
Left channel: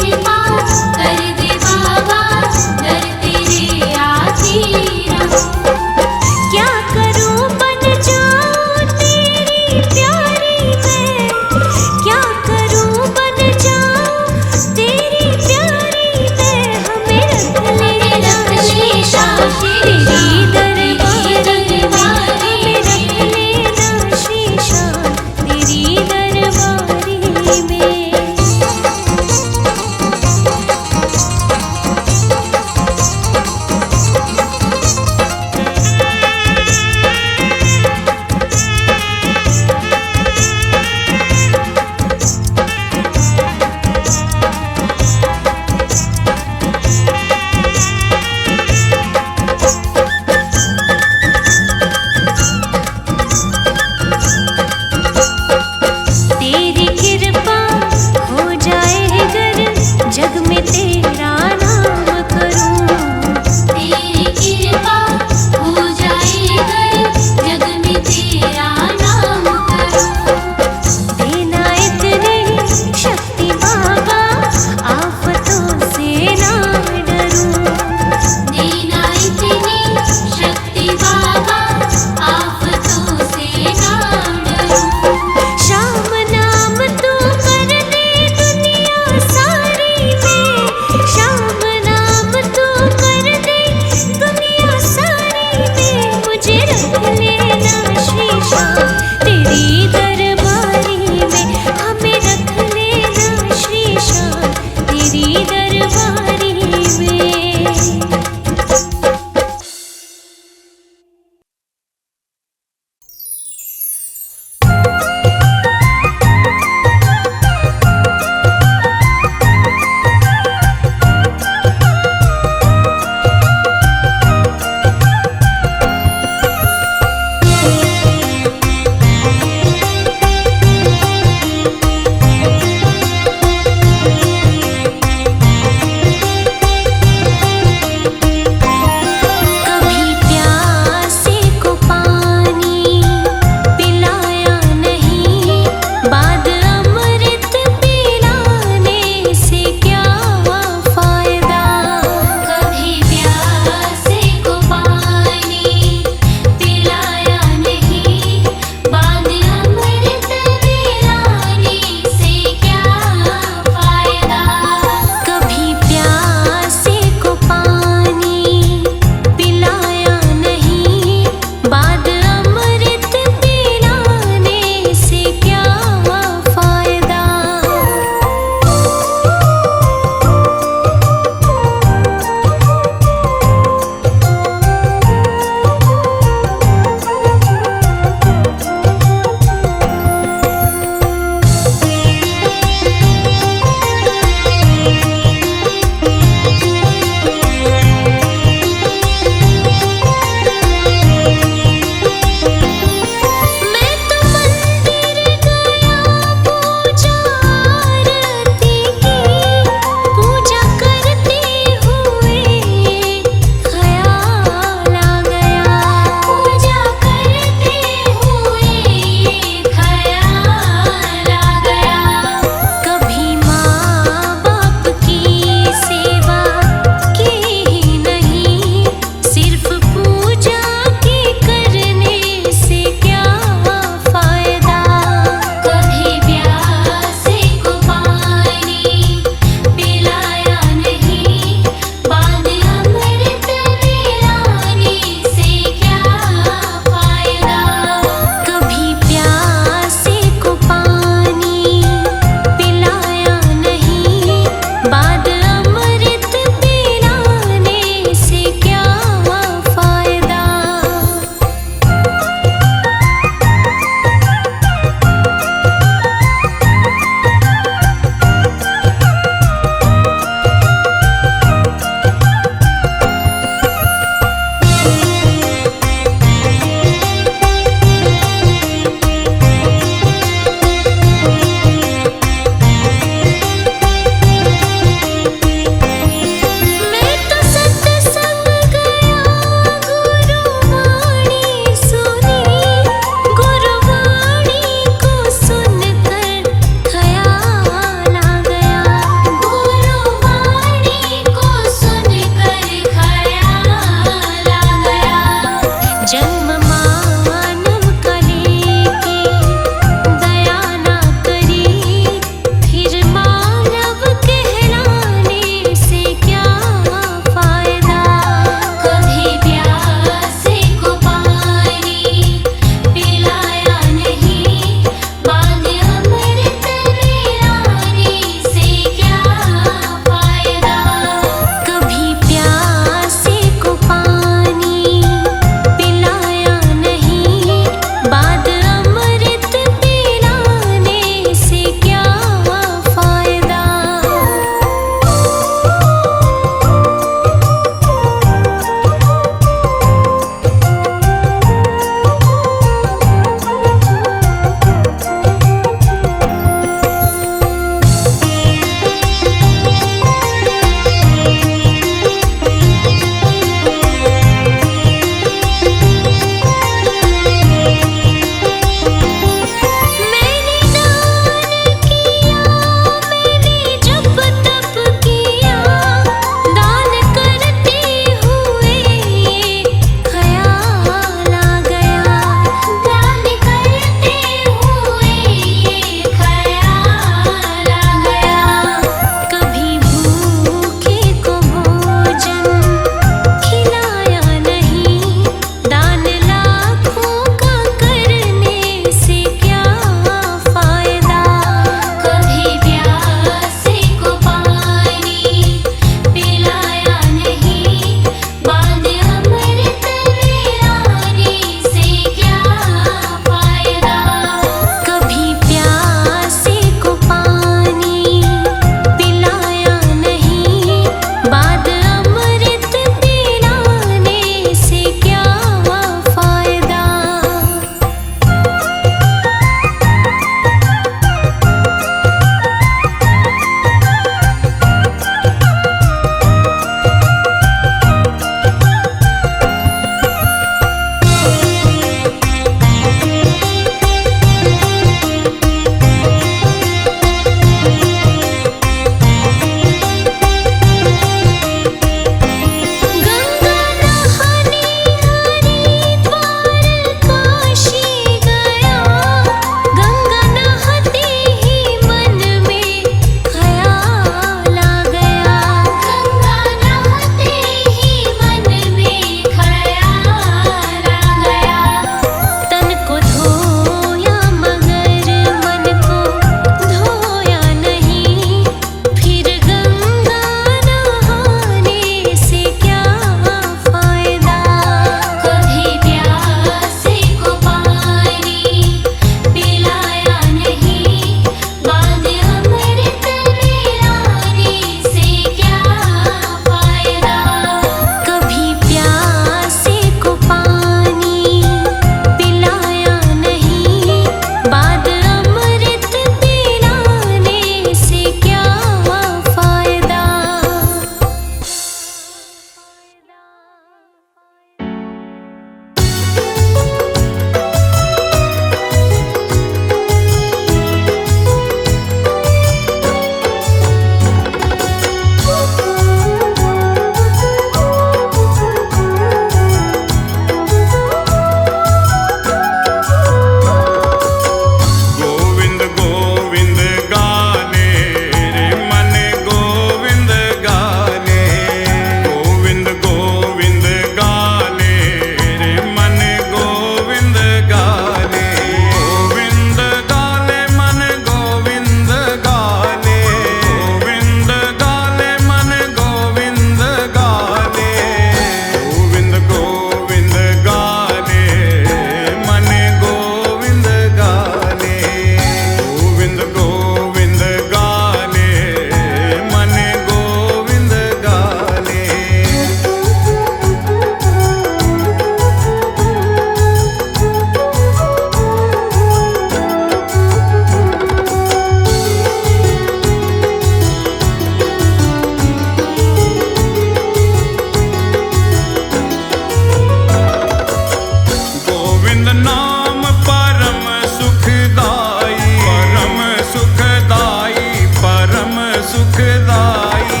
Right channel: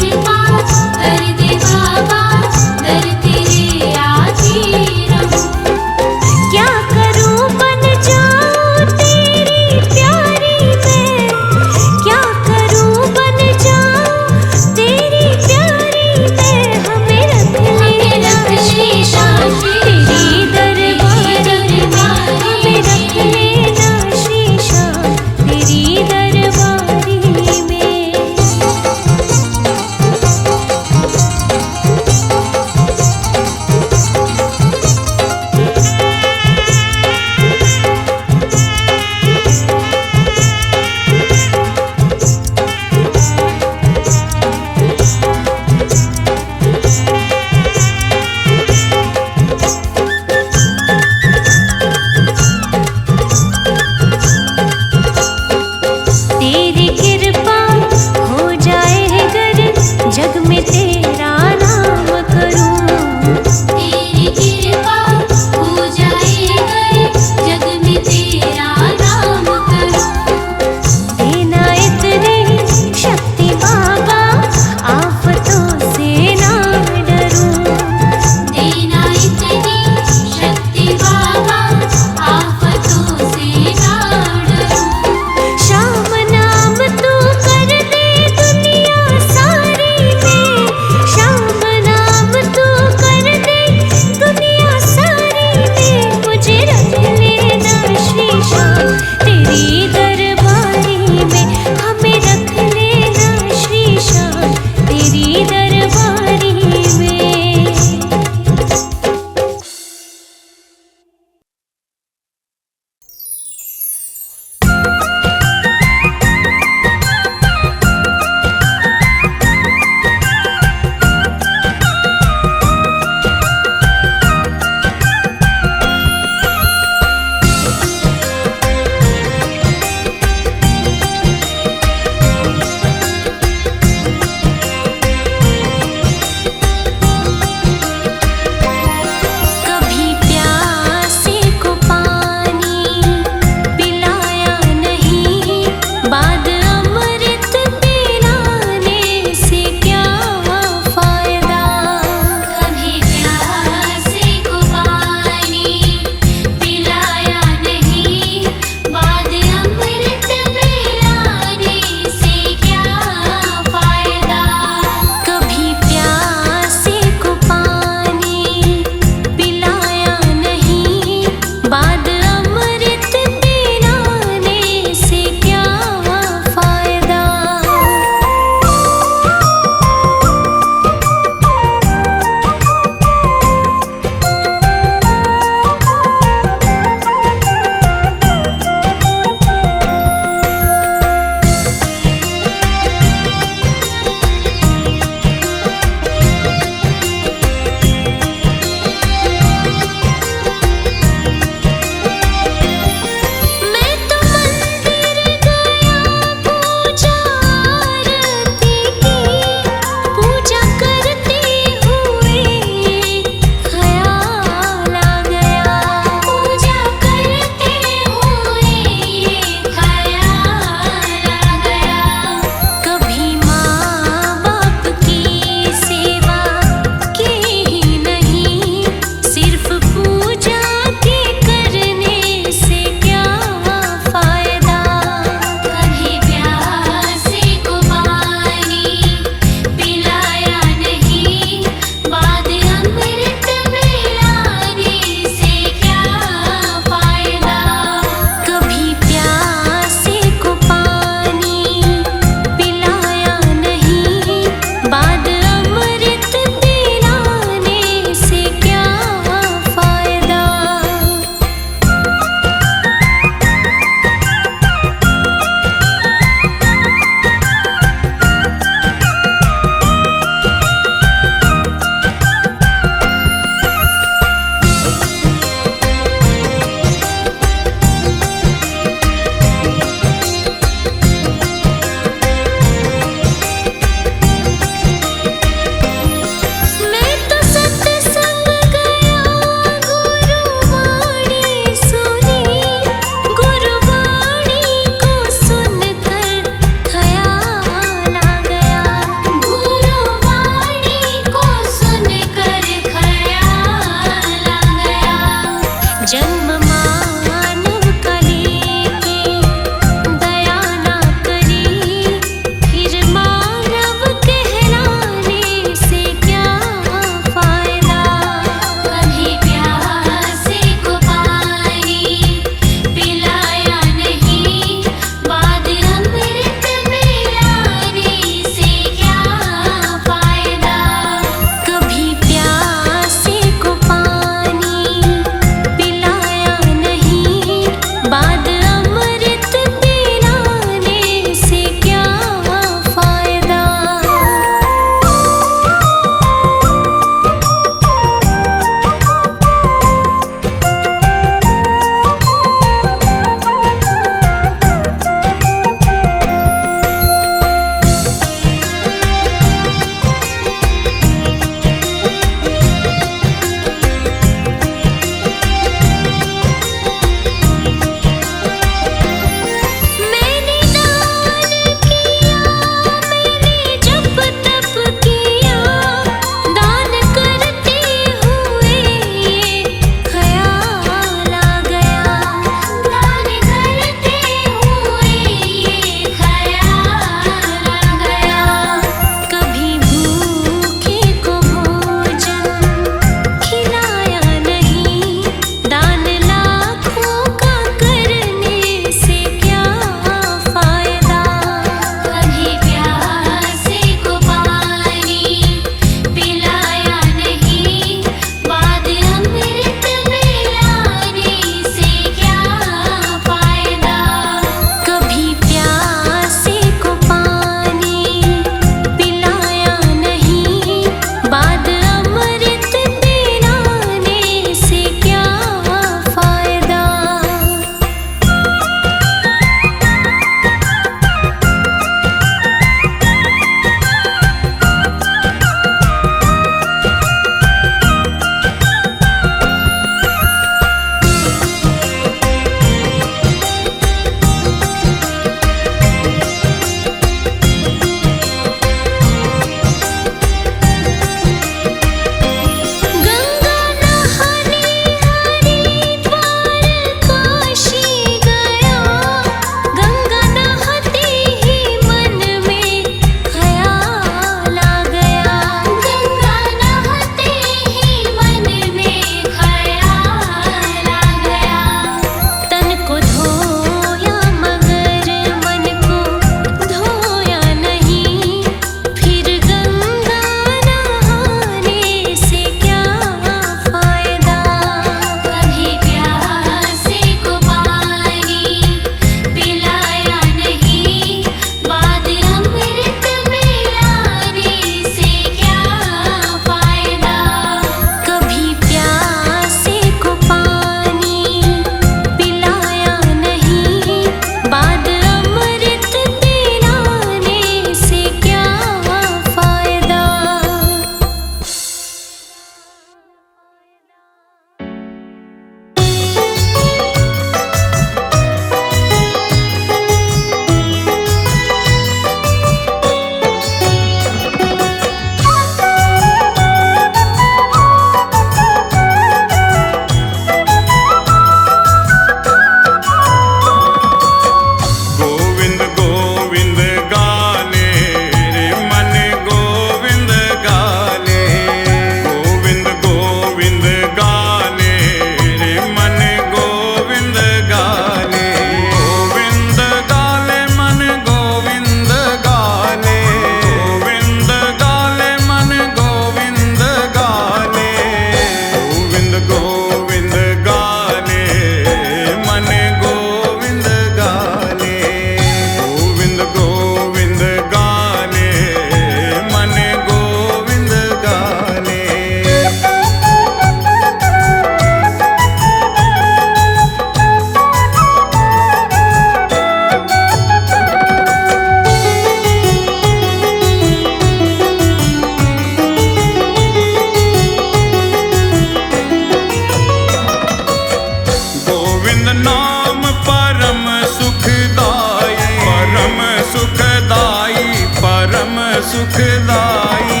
सुखदाई परम सुखदाई।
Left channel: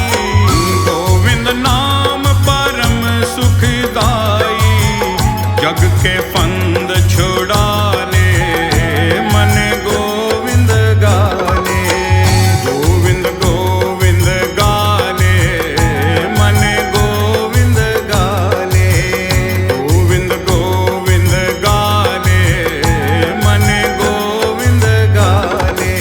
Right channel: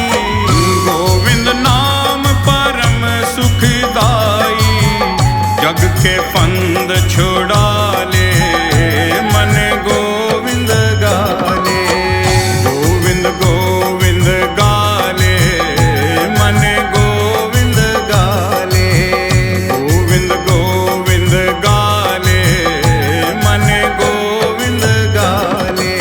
गोविंद नाम परम सुखदाई। जग के फंद छुड़ा ले मन गोविंद गाले। गोविंद गोविंद गाले मन गोविंद गाले। गोविंद गोविंद गाले मन गोविंद गाले।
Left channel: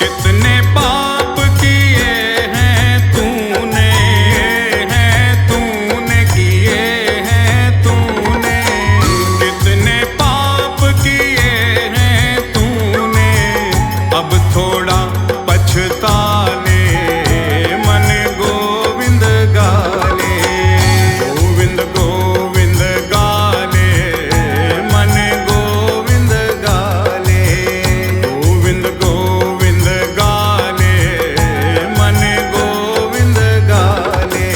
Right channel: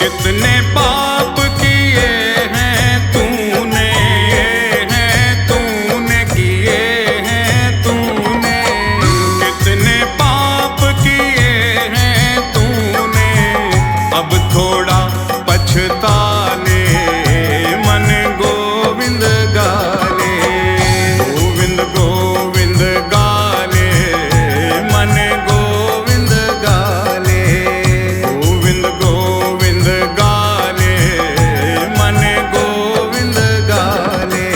कितने पाप किए हैं तूने किए हैं तूने। कितने पाप किए हैं तूने। अब थोड़ा पछता ले मन गोविंद गाले। गोविंद गोविंद गाले मन गोविंद गाले। गोविंद गोविंद गाले मन गोविंद गाले।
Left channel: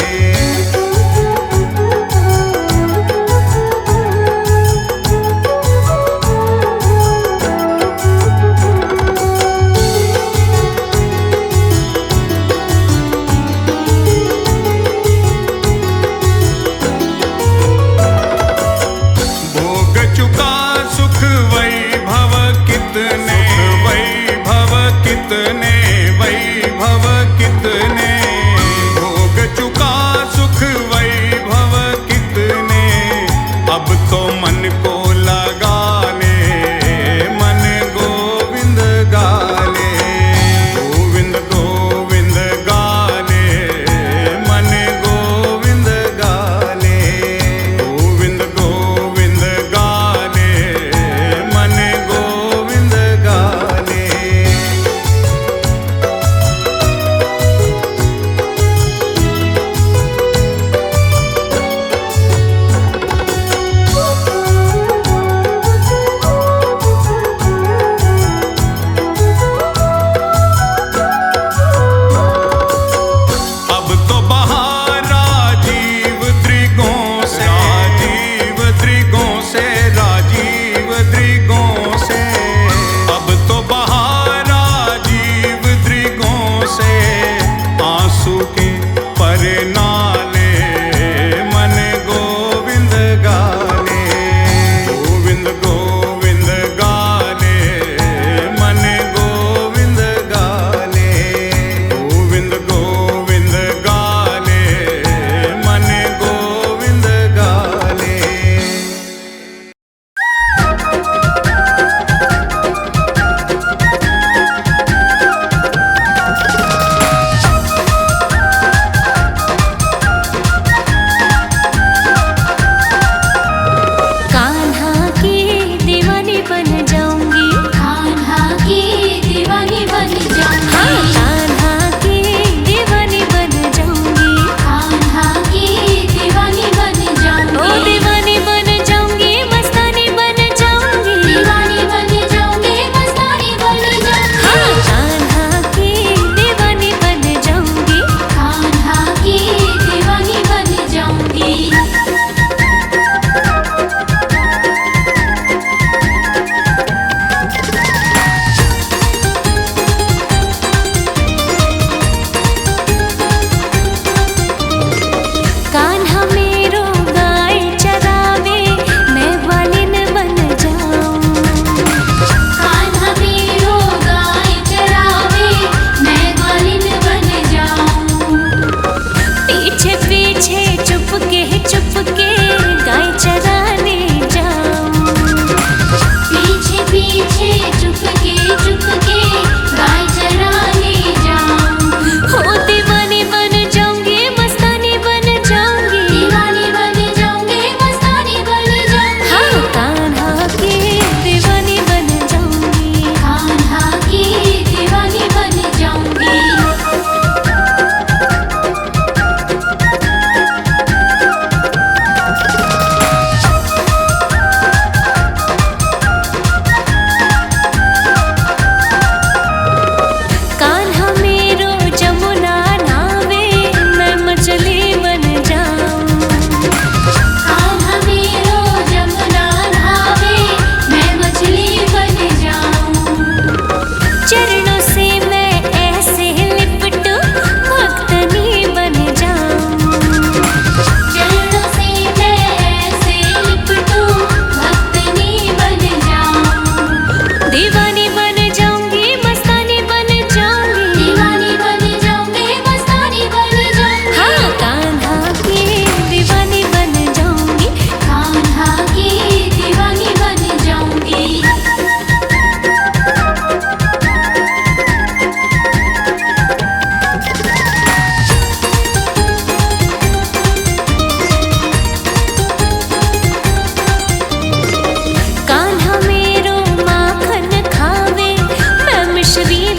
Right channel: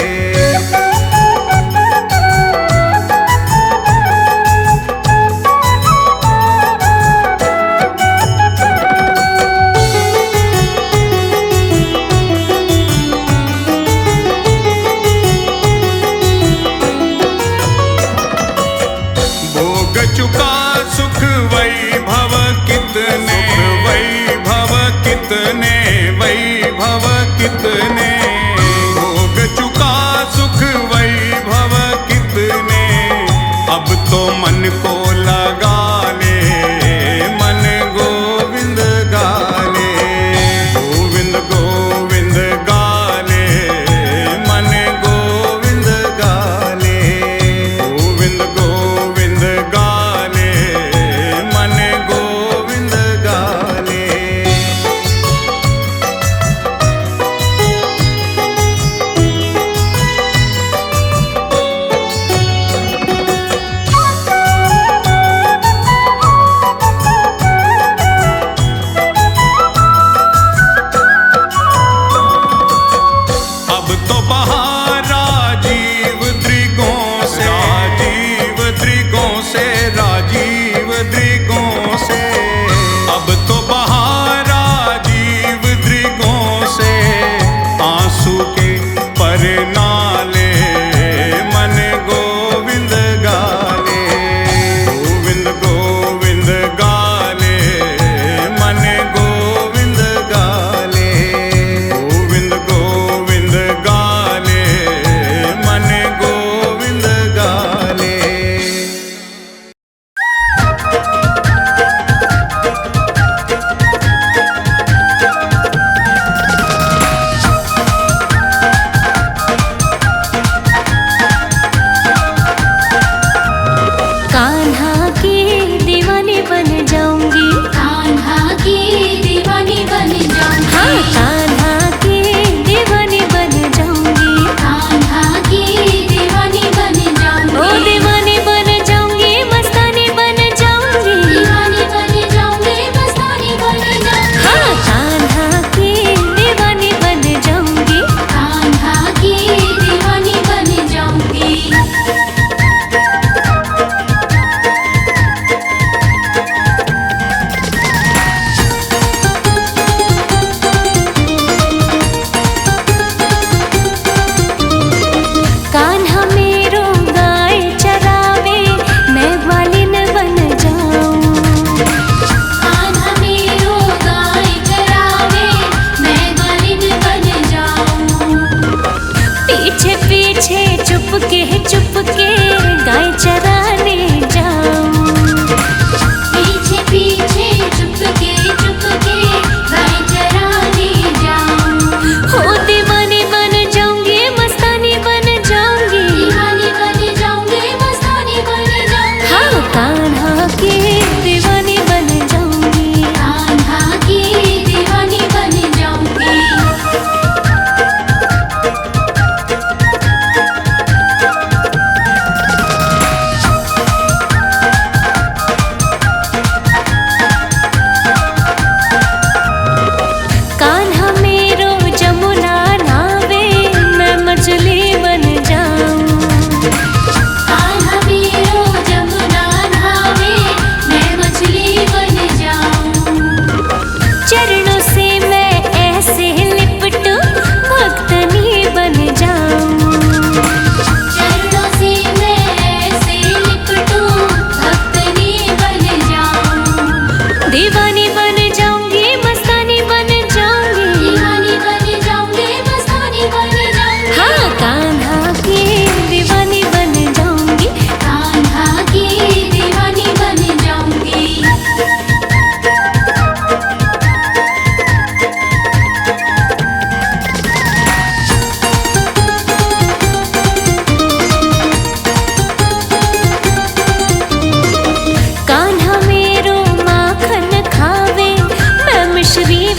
भोग चुका सुख वैभव कितने। वैभव कितने वैभव कितने। भोग चुका सुख वैभव कितने। अब तो मन को लगा ले मन गोविंद गाले। गोविंद गोविंद गाले मन गोविंद गाले। गोविंद गोविंद गाले मन गोविंद गाले। अब तो बाहर राजीव द्रिगों से। राजीव द्रिगों से राजीव द्रिगों से। अब तो बाहर राजीव द्रिगों से। आंसू के पर नाले मन गोविंद गाले। गोविंद गोविंद गाले मन गोविंद गाले। गोविंद गोविंद गाले मन गोविंद गाले।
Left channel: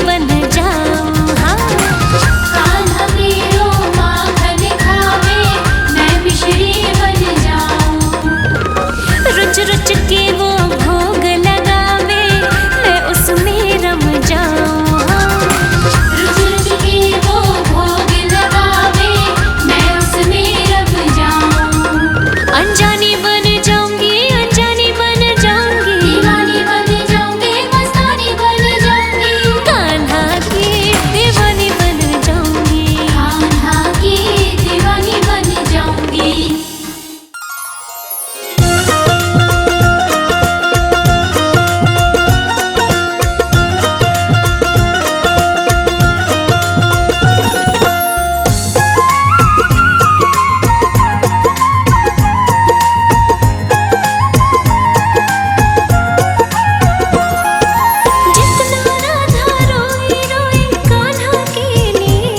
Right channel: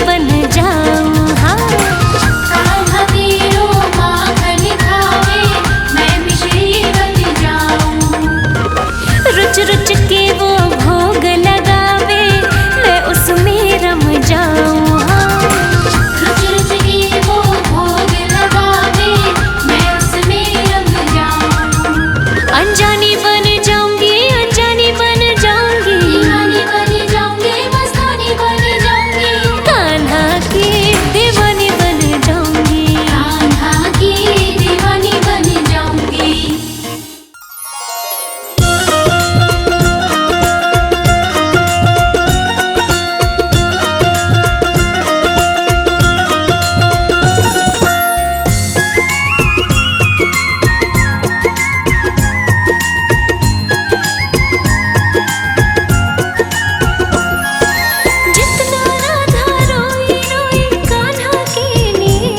बन जाऊं। हाँ कान्हा वीरो माखन खावे, मैं मिश्री बन जाऊं। रुच रुच के वो भोग लगावे, मैं उसमें रम जाऊं। हाँ रुच रुच के वो भोग लगावे, मैं उसमें रम जाऊं। अनजानी बन जाऊंगी, अनजानी बन जाऊंगी, दीवानी बन जाऊंगी, मस्तानी बन जाऊंगी। कान्हा की दीवानी बन जाऊंगी। कान्हा की दीवानी बन जाऊंगी। जितना राधा रोई रोई कान्हा के लिए,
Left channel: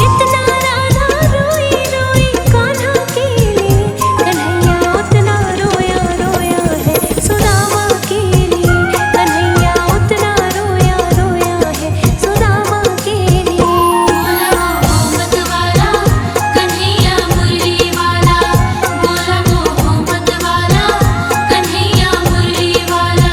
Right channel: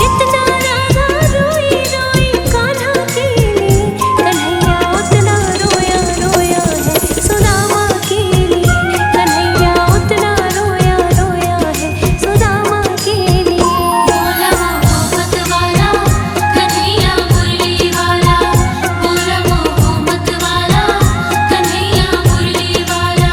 जितना राधा रोई रोई कान्हा के लिए, कन्हैया उतना रोया रोया है सुदामा के लिए। कन्हैया उतना रोया रोया है सुदामा के लिए। बोला मोहम्मद वाला कन्हैया मुरली वाला, बोला मोहम्मद वाला कन्हैया मुरली वाला।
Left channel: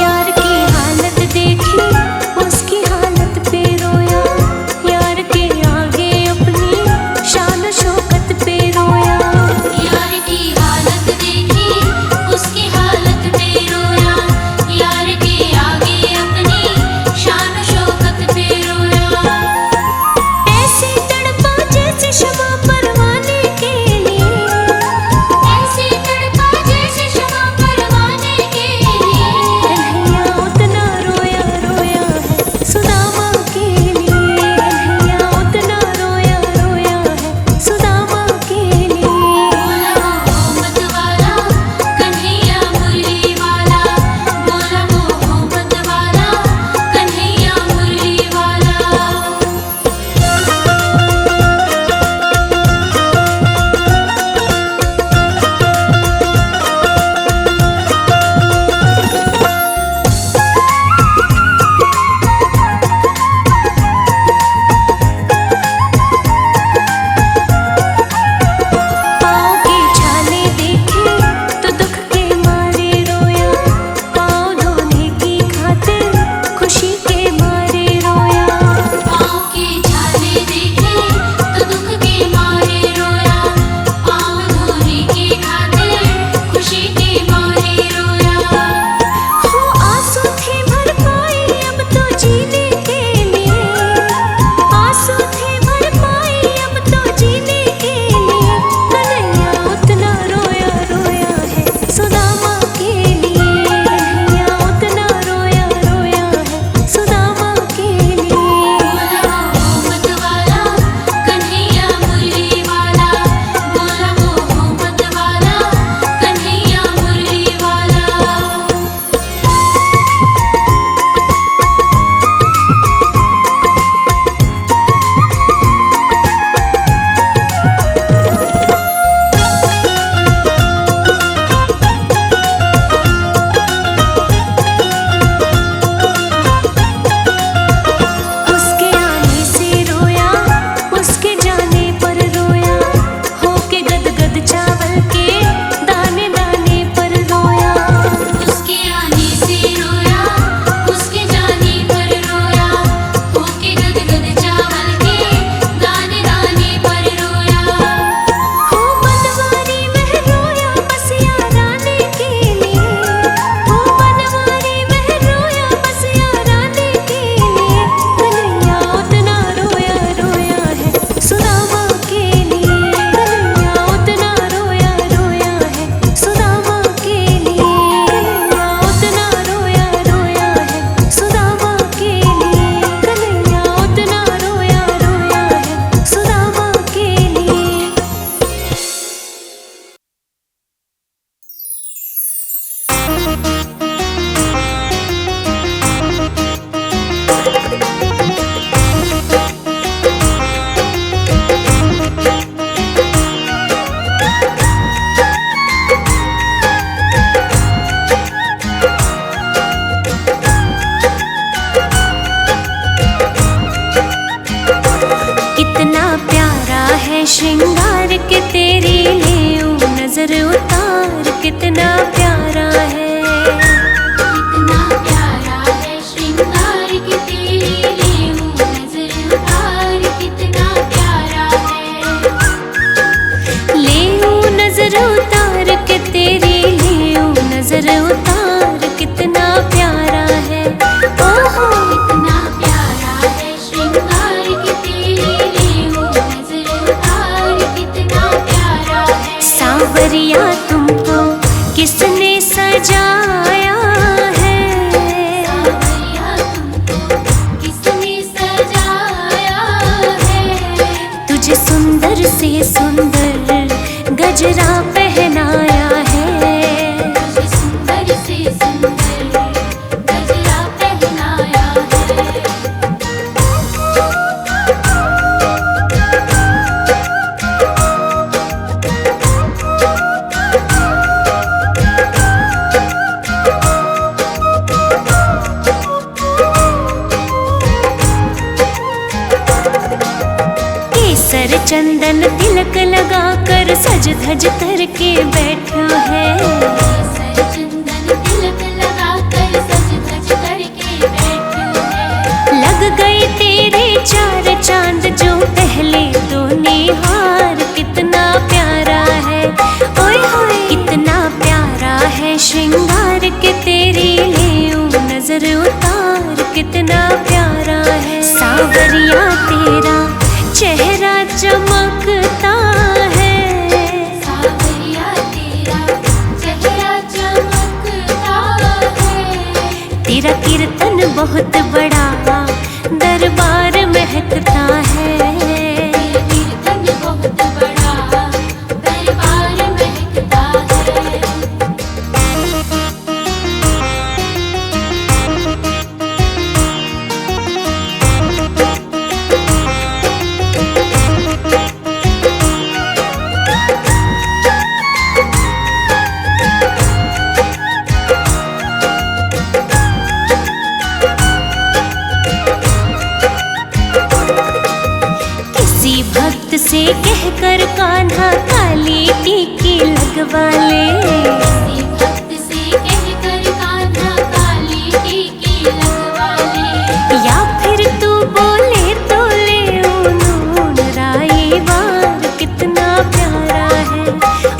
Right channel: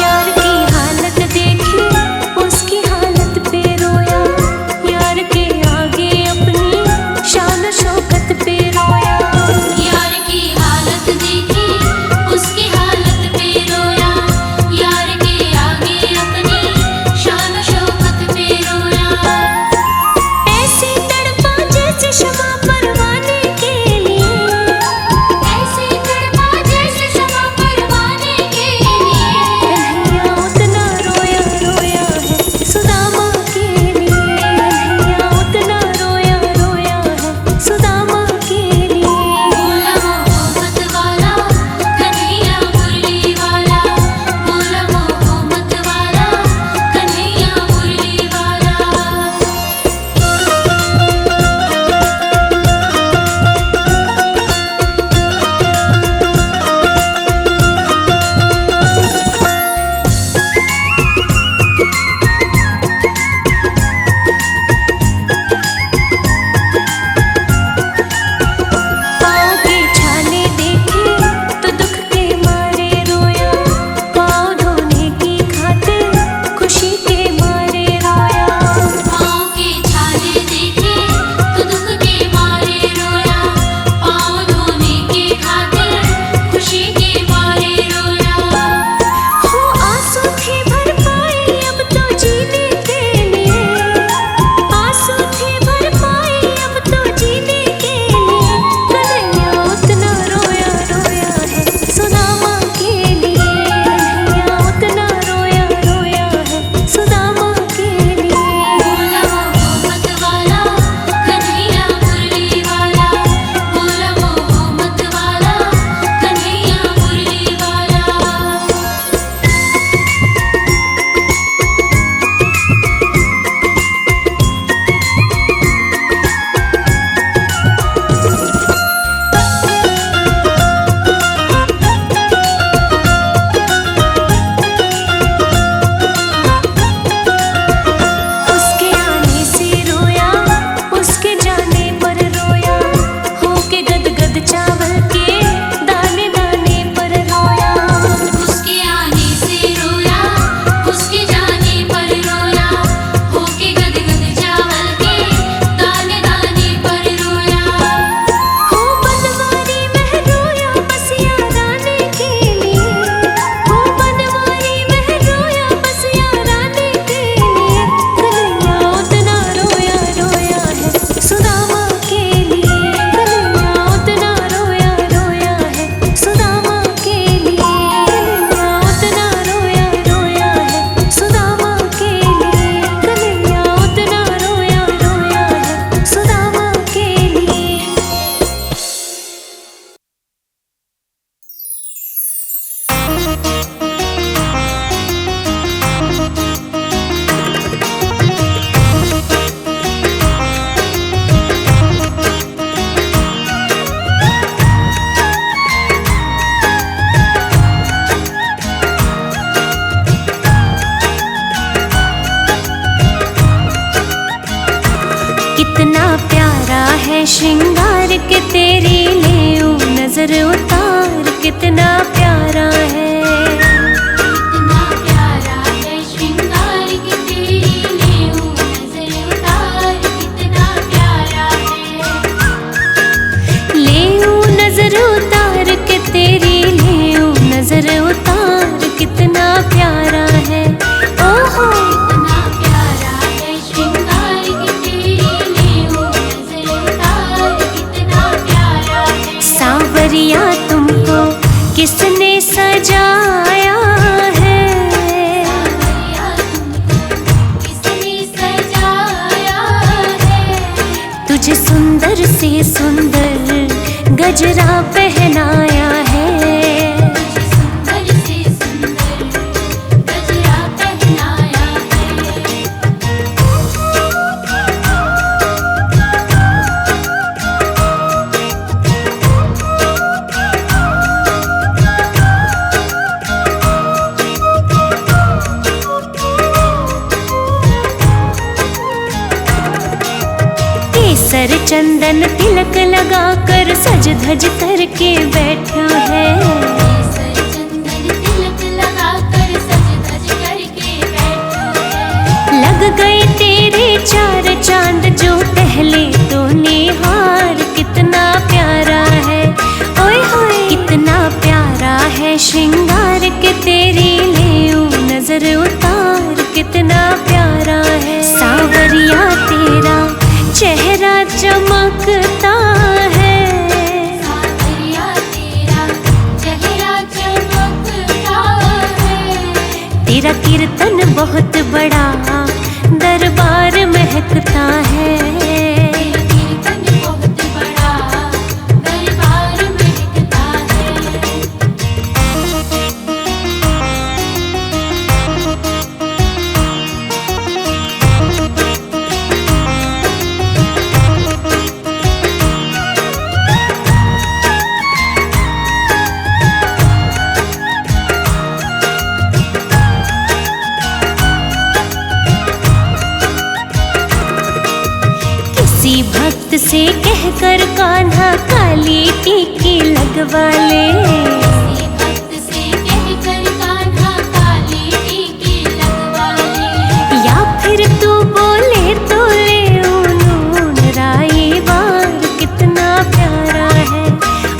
यार की हालत देखी, उसकी हालत पे रोया। यार के आगे अपनी शान शौकत पे रोया। यार की हालत देखी, उसकी हालत पे रोया। यार के आगे अपनी शान शौकत पे रोया। ऐसे तड़पा जैसे क्षमा परवाने के लिए, ऐसे तड़पा जैसे क्षमा परवाने के लिए। कन्हैया उतना रोया रोया है सुदामा के लिए। कन्हैया उतना रोया रोया है सुदामा के लिए। बोला मोहम्मद वाला कन्हैया मुरली वाला, बोला मोहम्मद वाला कन्हैया मुरली वाला। पाँव के छाले देखे तो दुख के मारे रोया। पाँव धोने की खातिर खुशी के मारे रोया। पाँव के छाले देखे तो दुख के मारे रोया। पाँव धोने की खातिर खुशी के मारे रोया। हो आंसू थे भर पाई अब तो जीने के लिए। आंसू थे भर पाई अब तो जीने के लिए। कन्हैया उतना रोया रोया है सुदामा के लिए। कन्हैया उतना रोया रोया है सुदामा के लिए। बोला मोहम्मद वाला कन्हैया मुरली वाला, बोला मोहम्मद वाला कन्हैया मुरली वाला। उसके आने से रोया, उसके जाने पर रोया। होके गदगद चावल के दाने दाने पर रोया। उसके आने से रोया, उसके जाने पर रोया। होके गदगद चावल के दाने दाने पर रोया। हो बनवारी वह रोया बस याराने के लिए। हो बनवारी वह रोया बस याराने के लिए। कन्हैया उतना रोया रोया है सुदामा के लिए। कन्हैया उतना रोया रोया श्रृंगार के तेरी लेऊं नजर उतार कितना प्यारा है। कितना प्यारा है श्रृंगार की तेरी लेऊं नजर उतार कितना प्यारा है। लेऊं नजर उतार के तेरी लेऊं नजर उतार कितना प्यारा है। ओहो कितना प्यारा है श्रृंगार की तेरी लेऊं नजर उतार कितना प्यारा है। सांवरिया तुमको किसने सजाया है। सांवरिया तुमको किसने सजाया है। तुझे सुंदर से सुंदर गजरा पहनाया है। तुझे सुंदर से सुंदर गजरा पहनाया है। केसर चंदन तिलक लगाकर सज धज करके बैठो है। केसर चंदन तिलक लगाकर सज धज करके बैठो है। लग गए तेरे चार चांद जो पहले तो निहार कितना प्यारा है। ओए होए कितना प्यारा है श्रृंगार के तेरी लेऊं नजर उतार कितना प्यारा है। सांवरिया तेरा चेहरा चमकता है। सांवरिया तेरा चेहरा चमकता है। तेरा कीर्तन बहुत बड़ा दरबार महकता है। तेरा कीर्तन बहुत बड़ा दरबार महकता है। किसी भक्त से कहकर कान्हा काली टीकी लगवा ले। किसी भक्त से कहकर कान्हा काली टीकी लगवा ले। या फिर तू बोले तो ले नून राई बार कितना प्यारा है।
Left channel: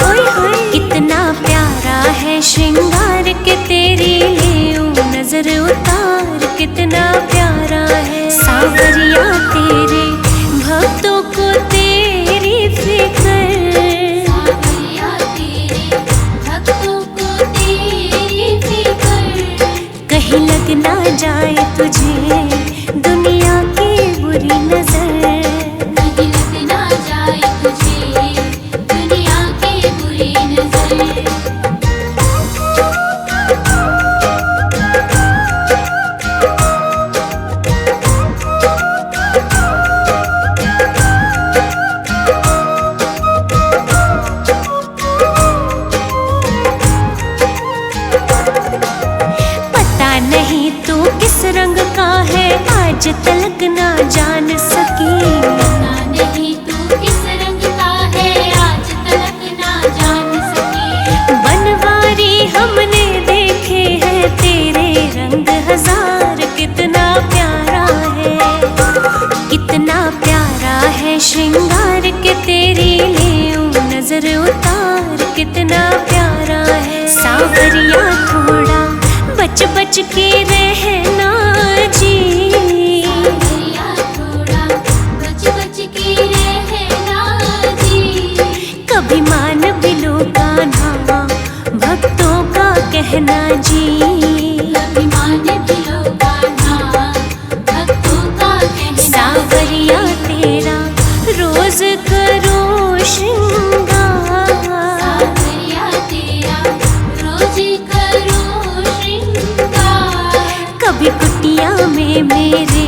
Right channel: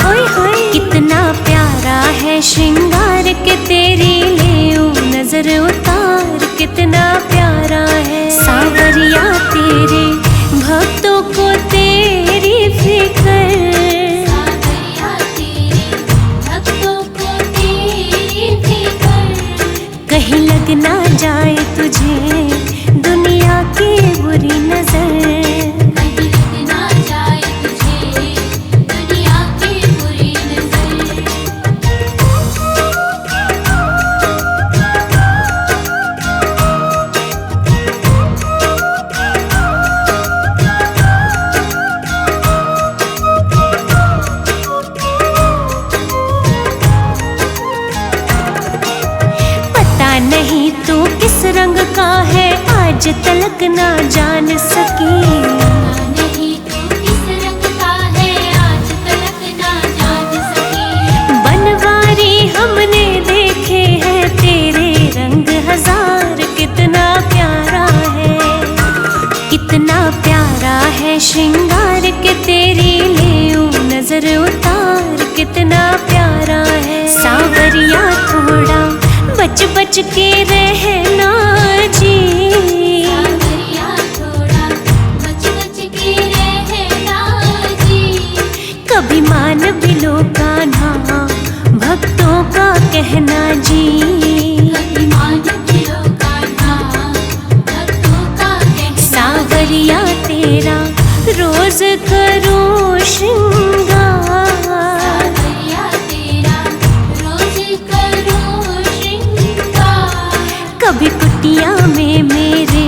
ओए होए कितना प्यारा है श्रृंगार के तेरी लेऊं नजर उतार कितना प्यारा है। सांवरिया तेरे भक्तों को तेरी फिक्र। सांवरिया तेरे भक्तों को तेरी फिक्र। कहीं लग ना जाए तुझे दुनिया की बुरी नजर। कहीं लग ना जाए तुझे दुनिया की बुरी नजर। पता नहीं तू किस रंग का है आज तलक ना जान सकी। पता नहीं तू किस रंग का है आज तलक ना जान सकी। बनवारी हमने देखे हैं तेरे रंग हजार कितना प्यारा है। कितना प्यारा है श्रृंगार के तेरी लेऊं नजर उतार कितना प्यारा है। सांवरिया थोड़ा बच बच के रहना जी। सांवरिया थोड़ा बच बच के रहना जी। कभी मान भी लो कान्हा भक्तों का कहना जी। अभिमान भी लो कान्हा भक्तों का कहना। सांवरिया तेरा रोज करो श्रृंगार। सांवरिया तेरा रोज करो श्रृंगार। कभी कुटिया में मेरे